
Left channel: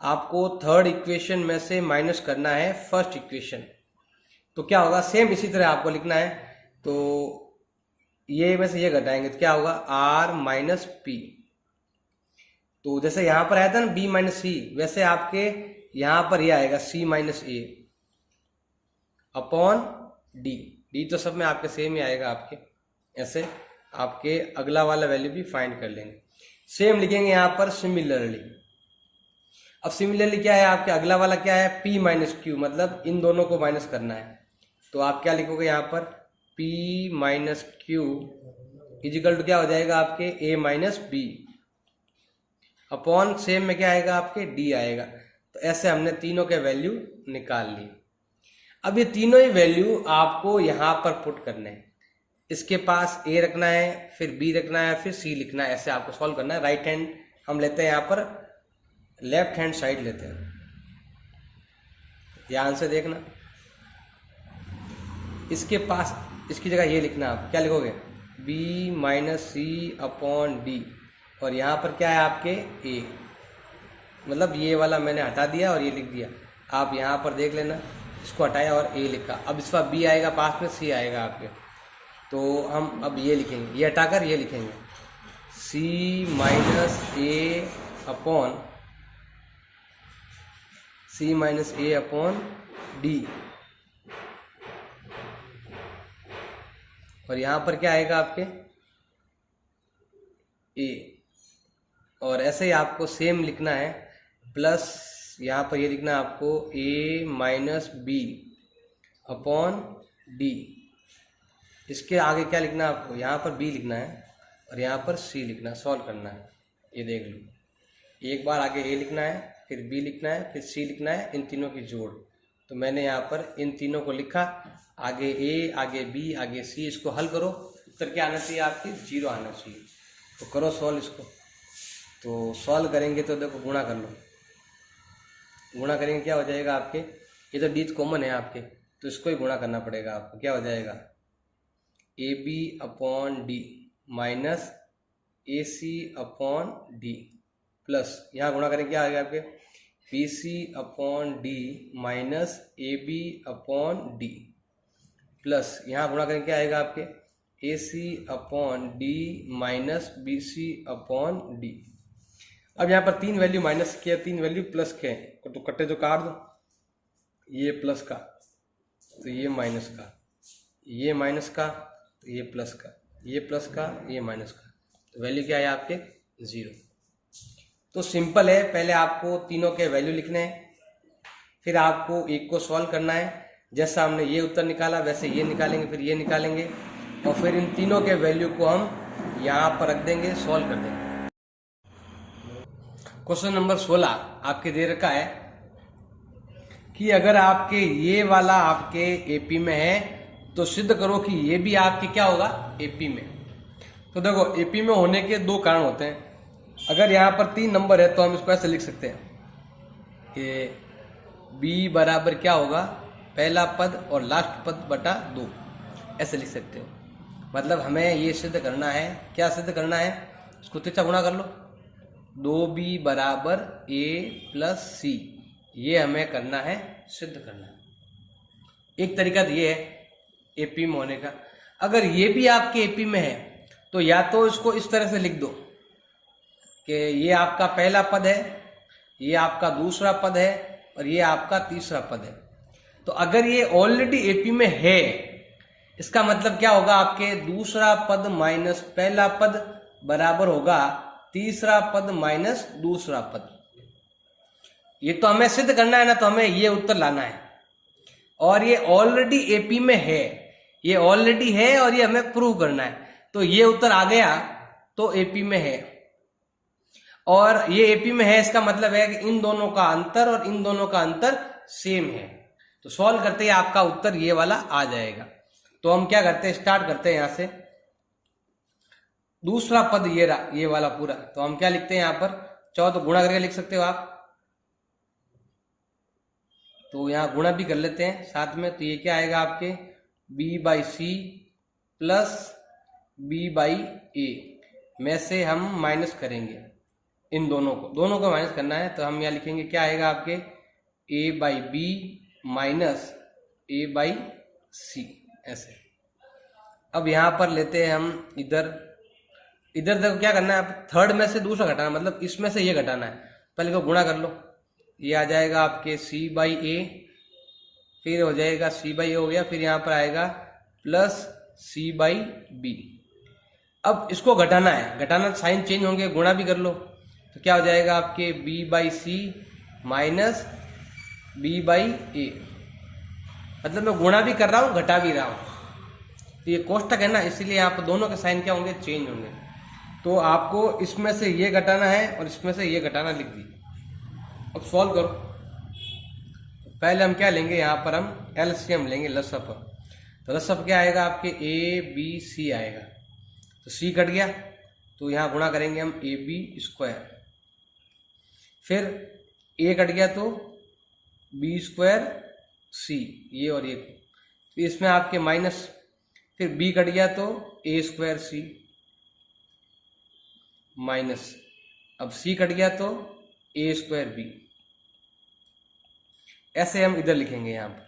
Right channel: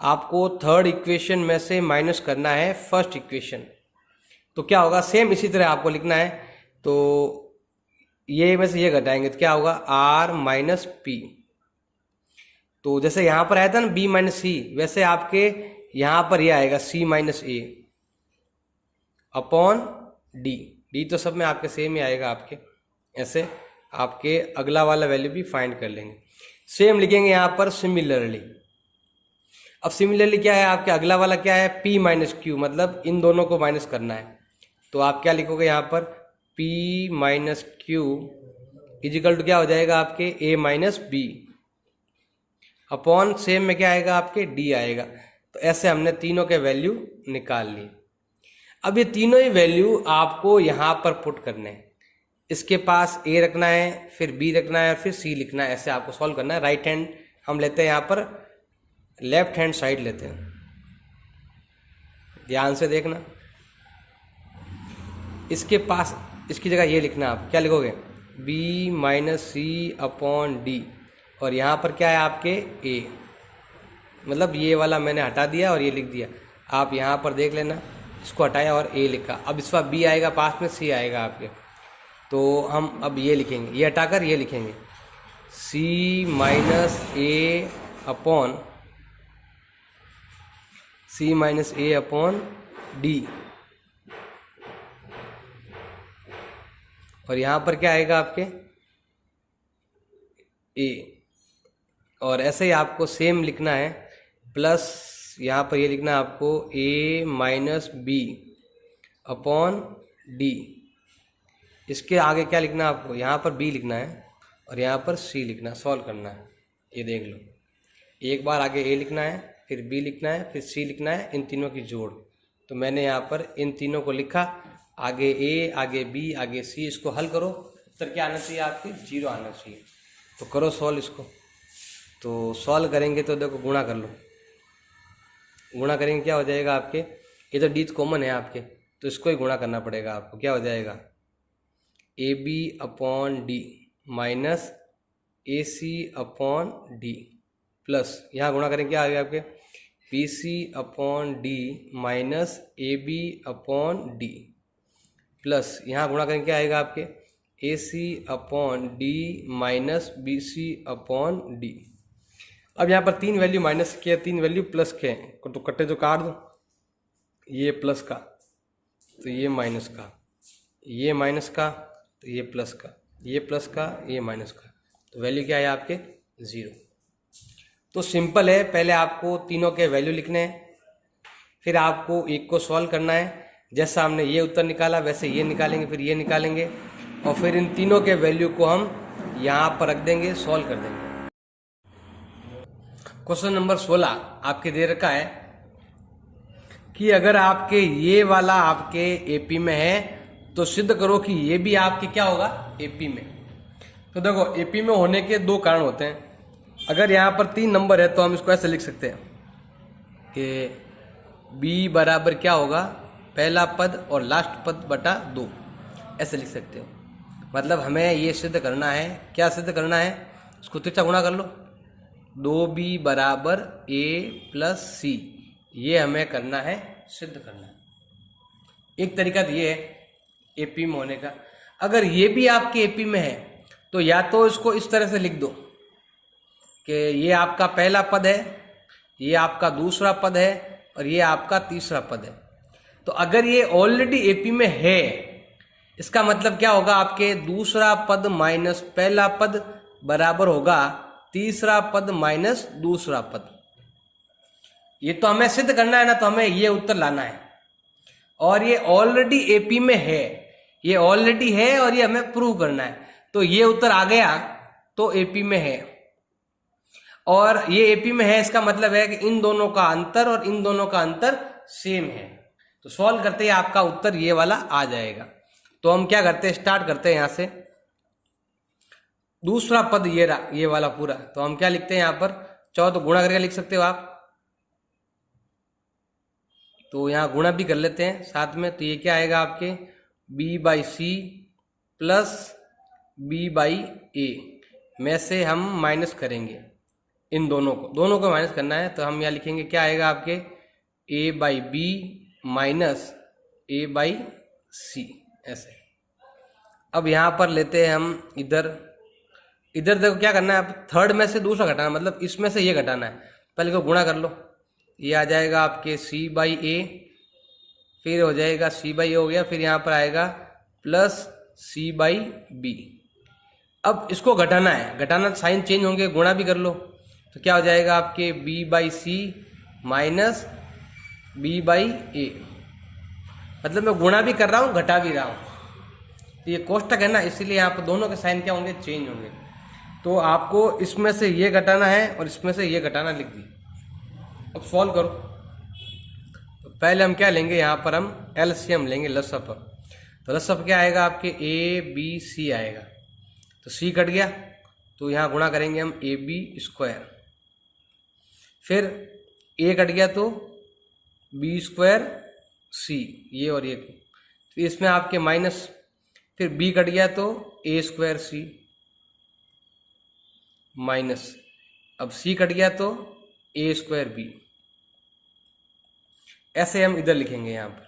आपको थर्ड इक्वेशन में से माइनस करना है फर्स्ट इक्वेशन, तो क्या होगा सेम इसी तरह आपको लिखना है। तो ये में से ये घटाएंगे तो क्या होगा R माइनस पी। तो जैसे यहाँ पर आया था ना B माइनस सी, वैसे आपके यहाँ पर ये आएगा C माइनस ए अपॉन डी। डी तो सब में आपके सेम ही आएगा आपके, ऐसे आपके अगला वाला वैल्यू भी फाइंड कर लेंगे। सेम लिखेंगे यहाँ पर सिमिलरली। अब सिमिलरली क्या है आपके अगला वाला क्या है P माइनस क्यू, मतलब इन दोनों को माइनस करना है। तो आप क्या लिखोगे यहाँ पर P minus q is equal to क्या हो जाएगा आपके A minus b upon same में क्या आएगा आपके D आएगा। तो ऐसे हमने तीनों के वैल्यू निकाल लिए। अब ये तीनों ही वैल्यू आपको यहाँ पर पुट करने हैं। इसके पास A रखना है, फिर B रखना है, फिर C लिखना है, ऐसे आपको सॉल्व करना है। राइट हैंड हम लेते हैं यहाँ पर, लेफ्ट हैंड साइड लेते हैं, ध्यान से देखना। इसके पास इसकी जगह ये लिखना, आप क्या लिखोगे B माइनस सी अपॉन डी। और यहाँ पर क्या है आपके ए, मतलब ये वाला मैंने हटा दिया और ये लिख दिया। आप यहाँ पर देख लेना, इसको हटाया और ए लिखा। अब इसका बी आएगा पास में, सी आएगा आपके, तो हम अब ये लिखेंगे, ये हटाकर ये लिखेंगे सी माइनस ए अपॉन डी। और यहाँ पर क्या आएगा आपके ए, और ऐसे ही आपको सेम लिखना है, प्लस यहाँ पर ये लिखना है आपको ए माइनस बी अपॉन डी। इसके आगे क्या लिखना है आपको, यहाँ पर बी लिखना है और यहाँ पर सी लिखना है, सॉल्व करना है। ये देख लो, एक बार आगे ए लिखना है, फिर बी लिखना है, फिर सी लिखना है, इन तीनों की जोड़। तो मैंने यहाँ पर इन तीनों को लिखा, आगे ए, आगे बी, आगे सी। इसको हल करो, उत्तर क्या आना चाहिए आपके 0 आना चाहिए। तो करो सॉल्व इसको। तो सॉल्व करेंगे तो देखो गुणा कर लो, गुणा करेंगे क्या हो जाएगा आपके, ये तो डी कॉमन है आपके, तो इसको ही गुणा करना पड़ेगा आपको। क्या हो जाएगा a b upon d minus a c upon d, plus यहाँ गुणा करेंगे क्या आ गया आपके b c upon d minus a b upon d, plus यहाँ गुणा करेंगे क्या आएगा आपके a c upon d minus b c upon d. अब यहाँ पर 3 वैल्यू माइनस के, 3 वैल्यू प्लस के हैं, तो कट्टे जो काट दो, ये प्लस का तो ये माइनस का, ये माइनस का तो ये प्लस का, ये प्लस का ये माइनस का, तो वैल्यू क्या है आपके 0। तो सिंपल है, पहले आपको तीनों के वैल्यू लिखने हैं, फिर आपको एक को सॉल्व करना है। जैसा हमने ये उत्तर निकाला वैसे ये निकालेंगे, फिर ये निकालेंगे, और फिर इन तीनों के वैल्यू को हम यहाँ पर रख देंगे, सॉल्व कर देंगे। क्वेश्चन नंबर 16 आपके दे रखा है कि अगर आपके ये वाला आपके एपी में है तो सिद्ध करो कि ये भी आपके क्या होगा एपी में। तो देखो एपी में होने के 2 कारण होते हैं। अगर यहाँ पर 3 नंबर है तो हम इसको ऐसे लिख सकते हैं कि बी बराबर क्या होगा पहला पद और लास्ट पद बटा 2, ऐसे लिख सकते हो। मतलब हमें ये सिद्ध करना है, क्या सिद्ध करना है, इसको तिरछा गुणा कर लो, 2b बराबर a प्लस सी, ये हमें करना है, सिद्ध करना है। एक तरीका तो ये है एपी में होने का। अगर ये भी आपके एपी में है तो या तो इसको इस तरह से लिख दो कि ये आपका पहला पद है, ये आपका दूसरा पद है और ये आपका तीसरा पद है। तो अगर ये ऑलरेडी एपी में है, इसका मतलब क्या होगा आपके दूसरा पद माइनस पहला पद बराबर होगा तीसरा पद माइनस दूसरा पद। ये तो हमें सिद्ध करना है ना, तो हमें ये उत्तर लाना है। और ये ऑलरेडी एपी में है, ये ऑलरेडी है और ये हमें प्रूव करना है। तो ये उत्तर आ गया तो एपी में है, और ये एपी में है इसका मतलब है कि इन दोनों का अंतर और इन दोनों का अंतर सेम है। तो सॉल्व करते ही आपका उत्तर ये वाला आ जाएगा। तो हम क्या करते हैं, स्टार्ट करते हैं यहां से। दूसरा पद ये रहा, ये वाला पूरा, तो हम क्या लिखते हैं यहाँ पर, चाहो तो गुणा करके लिख सकते हो आप, तो यहाँ गुणा भी कर लेते हैं साथ में। तो ये क्या आएगा आपके b by c plus b by a में से हम माइनस करेंगे इन दोनों को माइनस करना है। तो हम यहाँ लिखेंगे क्या आएगा आपके a by b minus a by c, ऐसे। अब यहाँ पर लेते हैं हम इधर देखो क्या करना है, आप थर्ड में से दूसरा घटाना, मतलब इसमें से ये घटाना है। पहले को गुणा कर लो, ये आ जाएगा आपके c बाई ए, फिर हो जाएगा c बाई ए हो गया, फिर यहाँ पर आएगा प्लस c बाई बी। अब इसको घटाना है, घटाना साइन चेंज होंगे, गुणा भी कर लो, तो क्या हो जाएगा आपके b by c minus b by a. मतलब मैं गुणा भी कर रहा हूँ घटा भी रहा हूँ, तो ये कोष्टक है ना, इसीलिए यहाँ पर दोनों के साइन क्या होंगे, चेंज होंगे। तो आपको इसमें से ये घटाना है और इसमें से ये घटाना, लिख दी। अब सॉल्व करो। तो पहले हम क्या लेंगे, यहाँ पर हम एलसीएम लेंगे, लसअप। तो लसअप क्या आएगा आपके ए बी सी आएगा, तो सी कट गया, तो यहाँ गुणा करेंगे हम ए बी स्क्वायर, फिर ए कट गया तो बी स्क्वायर सी, ये और ये, तो इसमें आपके माइनस, फिर बी कट गया तो ए स्क्वायर सी माइनस, अब सी कट गया तो ए स्क्वायर बी, ऐसे हम इधर लिखेंगे यहाँ पर।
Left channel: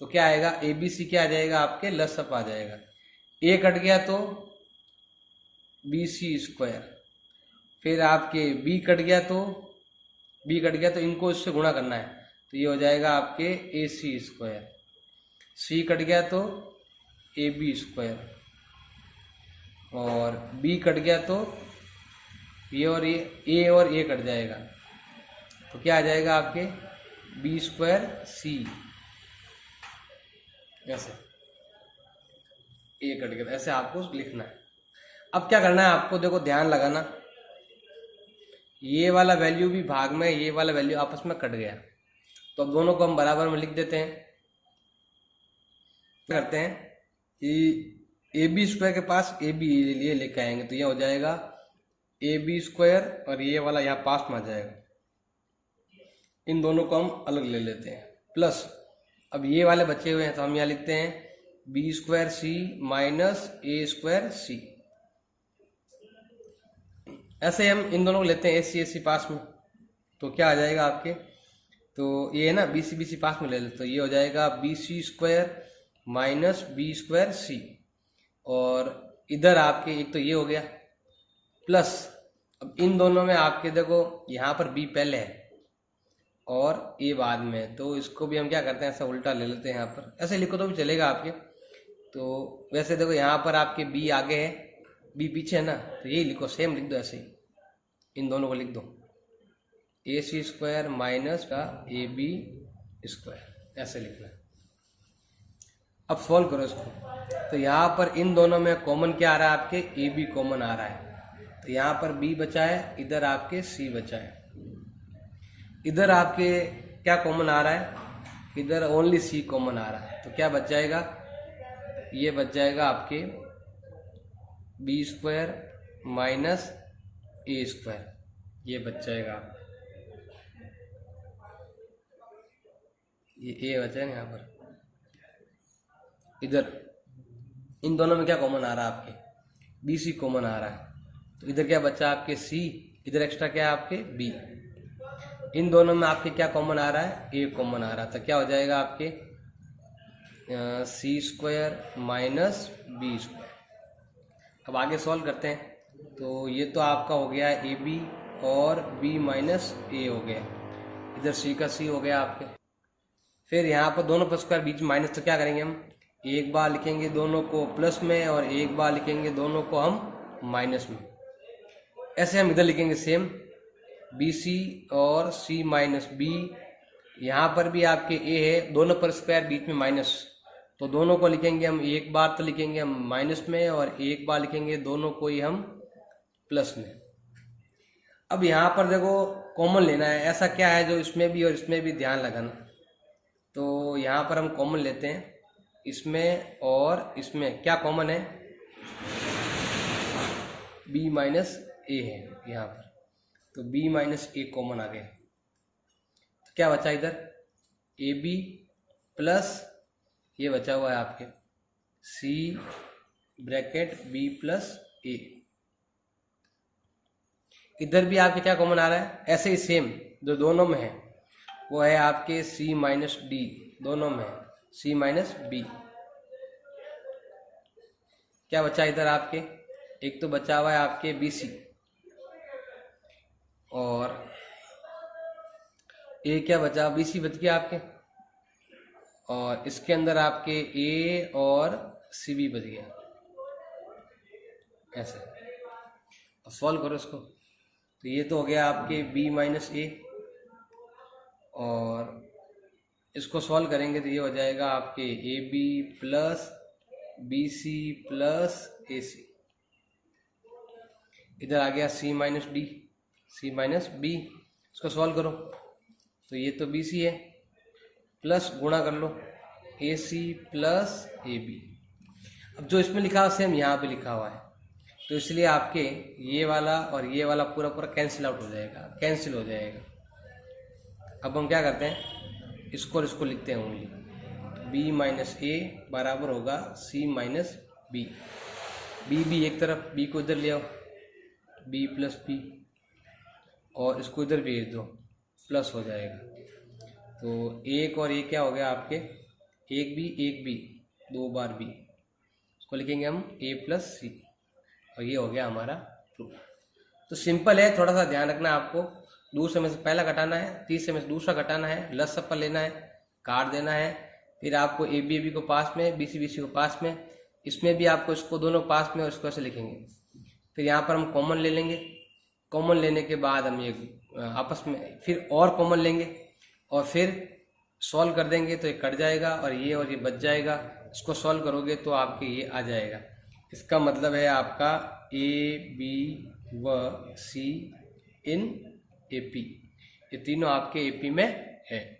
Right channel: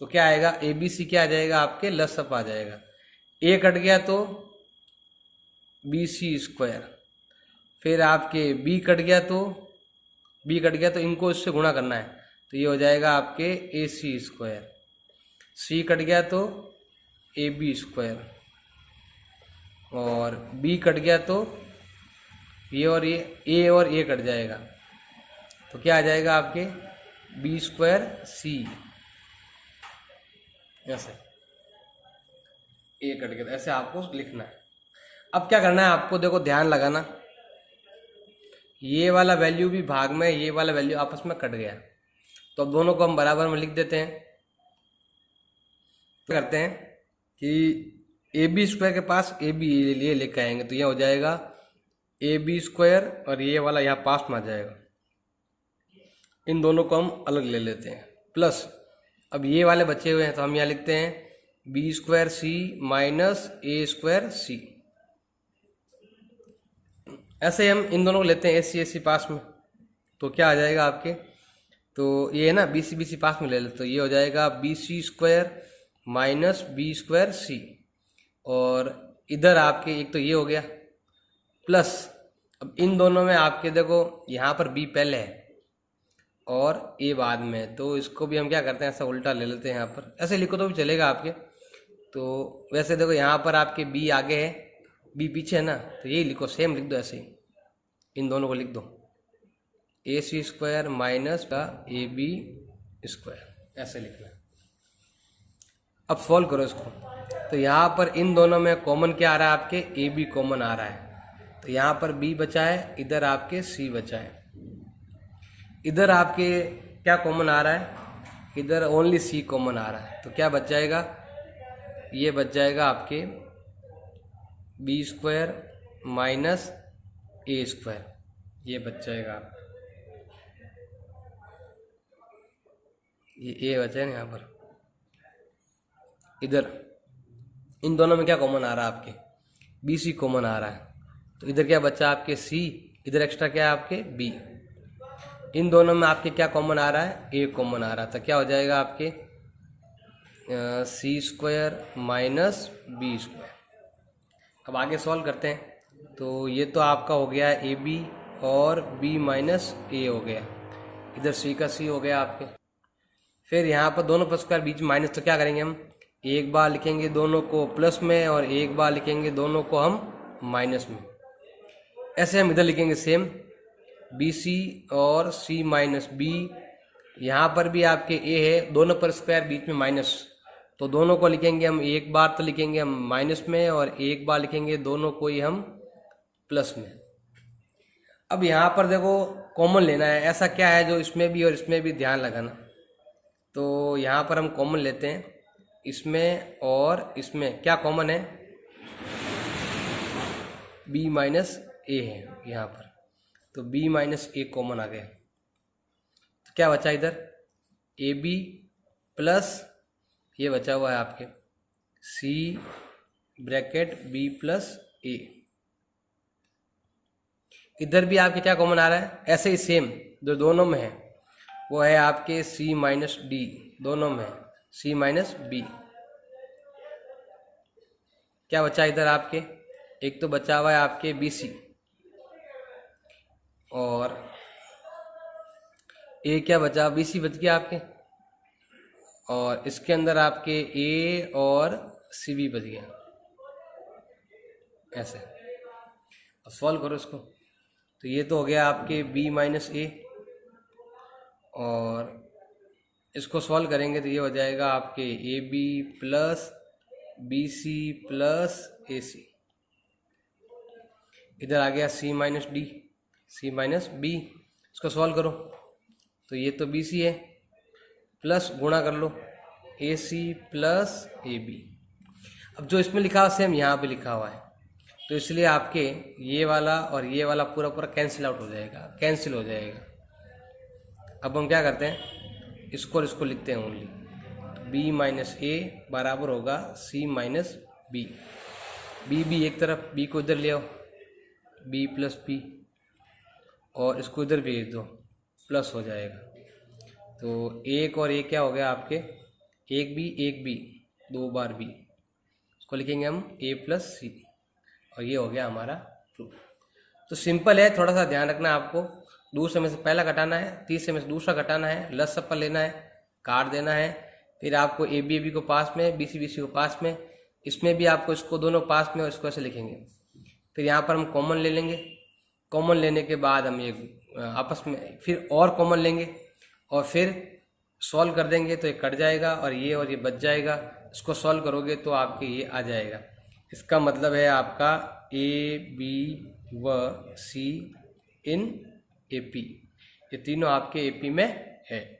तो क्या आएगा, ए बी सी क्या आ जाएगा आपके लसअप आ जाएगा। ए कट गया तो बी सी स्क्वायर, फिर आपके बी कट गया तो इनको इससे गुणा करना है, तो ये हो जाएगा आपके a C square. C cut गया तो ए बी स्क्वायर, और बी कट गया तो ये और ये ए और ए कट जाएगा, तो क्या आ जाएगा आपके बी स्क्वायर सी, ऐसे ए कट गया, ऐसे आपको लिखना है। अब क्या करना है आपको, देखो ध्यान लगाना, ये वाला वैल्यू भी भाग में, ये वाला वैल्यू आपस में कट गया, तो अब दोनों को हम बराबर में लिख देते हैं। तो करते हैं कि ए बी स्क्वायर के पास ए बी ये लेकर आएंगे, तो यह हो जाएगा ए बी स्क्वायर, और ये वाला यहाँ पास में आ जाएगा। इन दोनों को हम अलग ले लेते हैं, प्लस अब ये वाले बचे हुए हैं, तो हम यहाँ लिखते हैं बी स्क्वायर सी माइनस ए स्क्वायर सी। ऐसे हम इन दोनों को लेते हैं ए सी पास में, तो क्या आ जाएगा आपके, तो ये है ना बी सी पास में ले लेते, तो ये हो जाएगा b c square minus b square c, और इधर आपके एक तो ये हो गया, प्लस अब इन दोनों में आपके देखो यहाँ पर बी पहले है और ए बाद में, तो इसको भी हम क्या करते हैं ऐसा उल्टा ले लेते हैं, यहाँ पर ऐसे लिखो तो भी चलेगा आपके। तो वैसे देखो यहाँ पर आपके बी आगे है, बी पीछे है ना, तो यही लिखो, सेम लिख दो, ऐसे ही इन दोनों को लिख दो, ए सी स्क्वायर माइनस का ए बी स्क्वायर, ऐसे लिखना है। अब सॉल्व करो इसको, तो यहाँ पर इन दोनों में कॉमन क्या आ रहा है आपके, ए बी कॉमन आ रहा है, तो यहाँ पर बी बचा है, इधर आपके सी बचा है। इधर आपके क्या कॉमन आ रहा है, इधर ओनली सी कॉमन आ रहा है, तो क्या बच जाएगा, ये बच जाएगा आपके बी स्क्वायर माइनस ए स्क्वायर, ये बच जाएगा आपका, ये ए बचा है यहाँ पर। इधर इन दोनों में क्या कॉमन आ रहा है आपके, बी सी कॉमन आ रहा है, तो इधर क्या बचा आपके सी, इधर एक्स्ट्रा क्या है आपके बी। इन दोनों में आपके क्या कॉमन आ रहा है, ए कॉमन आ रहा है, तो क्या हो जाएगा आपके सी स्क्वायर माइनस बी स्क्वायर। अब आगे सॉल्व करते हैं, तो ये तो आपका हो गया ए बी और बी माइनस ए हो गया, इधर सी का सी हो गया आपके। फिर यहाँ पर दोनों पर स्क्वायर बीच में माइनस, तो क्या करेंगे हम, एक बार लिखेंगे दोनों को प्लस में और एक बार लिखेंगे दोनों को हम माइनस में। ऐसे हम इधर लिखेंगे सेम, बी सी और सी माइनस बी, यहाँ पर भी आपके ए है, दोनों पर स्क्वायर बीच में माइनस, तो दोनों को लिखेंगे हम, एक बार तो लिखेंगे हम माइनस में और एक बार लिखेंगे दोनों को ही हम प्लस में। अब यहाँ पर देखो कॉमन लेना है, ऐसा क्या है जो इसमें भी और इसमें भी, ध्यान लगाना। तो यहाँ पर हम कॉमन लेते हैं, इसमें और इसमें क्या कॉमन है, b माइनस ए है यहाँ पर, तो b माइनस ए कॉमन आ गया, तो क्या बचा इधर ए बी प्लस ये बचा हुआ है आपके c ब्रैकेट b प्लस ए। इधर भी आपके क्या कॉमन आ रहा है, ऐसे ही सेम जो दोनों में है वो है आपके c माइनस डी, दोनों में है c माइनस बी। क्या बचा इधर आपके, एक तो बचा हुआ है आपके बी सी, और ए क्या बचा, बी सी बच गया आपके, और इसके अंदर आपके ए और सी बी बच गया, ऐसे। अब सॉल्व करो इसको, तो ये तो हो गया आपके b माइनस ए, और इसको सॉल्व करेंगे तो ये हो जाएगा आपके a b plus b c plus a c. इधर आ गया c minus d, c minus b, इसको सॉल्व करो तो ये तो बी सी है, प्लस गुणा कर लो ए सी प्लस ए बी। अब जो इसमें लिखा हुआ सेम यहाँ पे लिखा हुआ है, तो इसलिए आपके ये वाला और ये वाला पूरा पूरा कैंसिल आउट हो जाएगा, कैंसिल हो जाएगा। अब हम क्या करते हैं, इसको और इसको लिखते हैं ओनली, b माइनस ए बराबर होगा c माइनस बी। बी एक तरफ, b को इधर ले आओ, बी प्लस पी, और इसको इधर भेज दो, प्लस हो जाएगा। तो एक और एक क्या हो गया आपके, एक बी, दो बार बी, इसको लिखेंगे हम ए प्लस सी, और ये हो गया हमारा प्रूफ। तो सिंपल है, थोड़ा सा ध्यान रखना आपको, दूसरे में से पहला घटाना है, तीसरे में से दूसरा घटाना है, लस सप्पा लेना है, काट देना है, फिर आपको ए बी को पास में, बी सी को पास में, इसमें भी आपको इसको दोनों पास में और इसको ऐसे लिखेंगे। फिर यहाँ पर हम कॉमन ले लेंगे, कॉमन लेने के बाद हम ये आपस में फिर और कॉमन लेंगे और फिर सॉल्व कर देंगे, तो ये कट जाएगा और ये बच जाएगा। इसको सॉल्व करोगे तो आपके ये आ जाएगा। इसका मतलब है आपका ए बी व सी इन ए पी, ये तीनों आपके ए पी में है।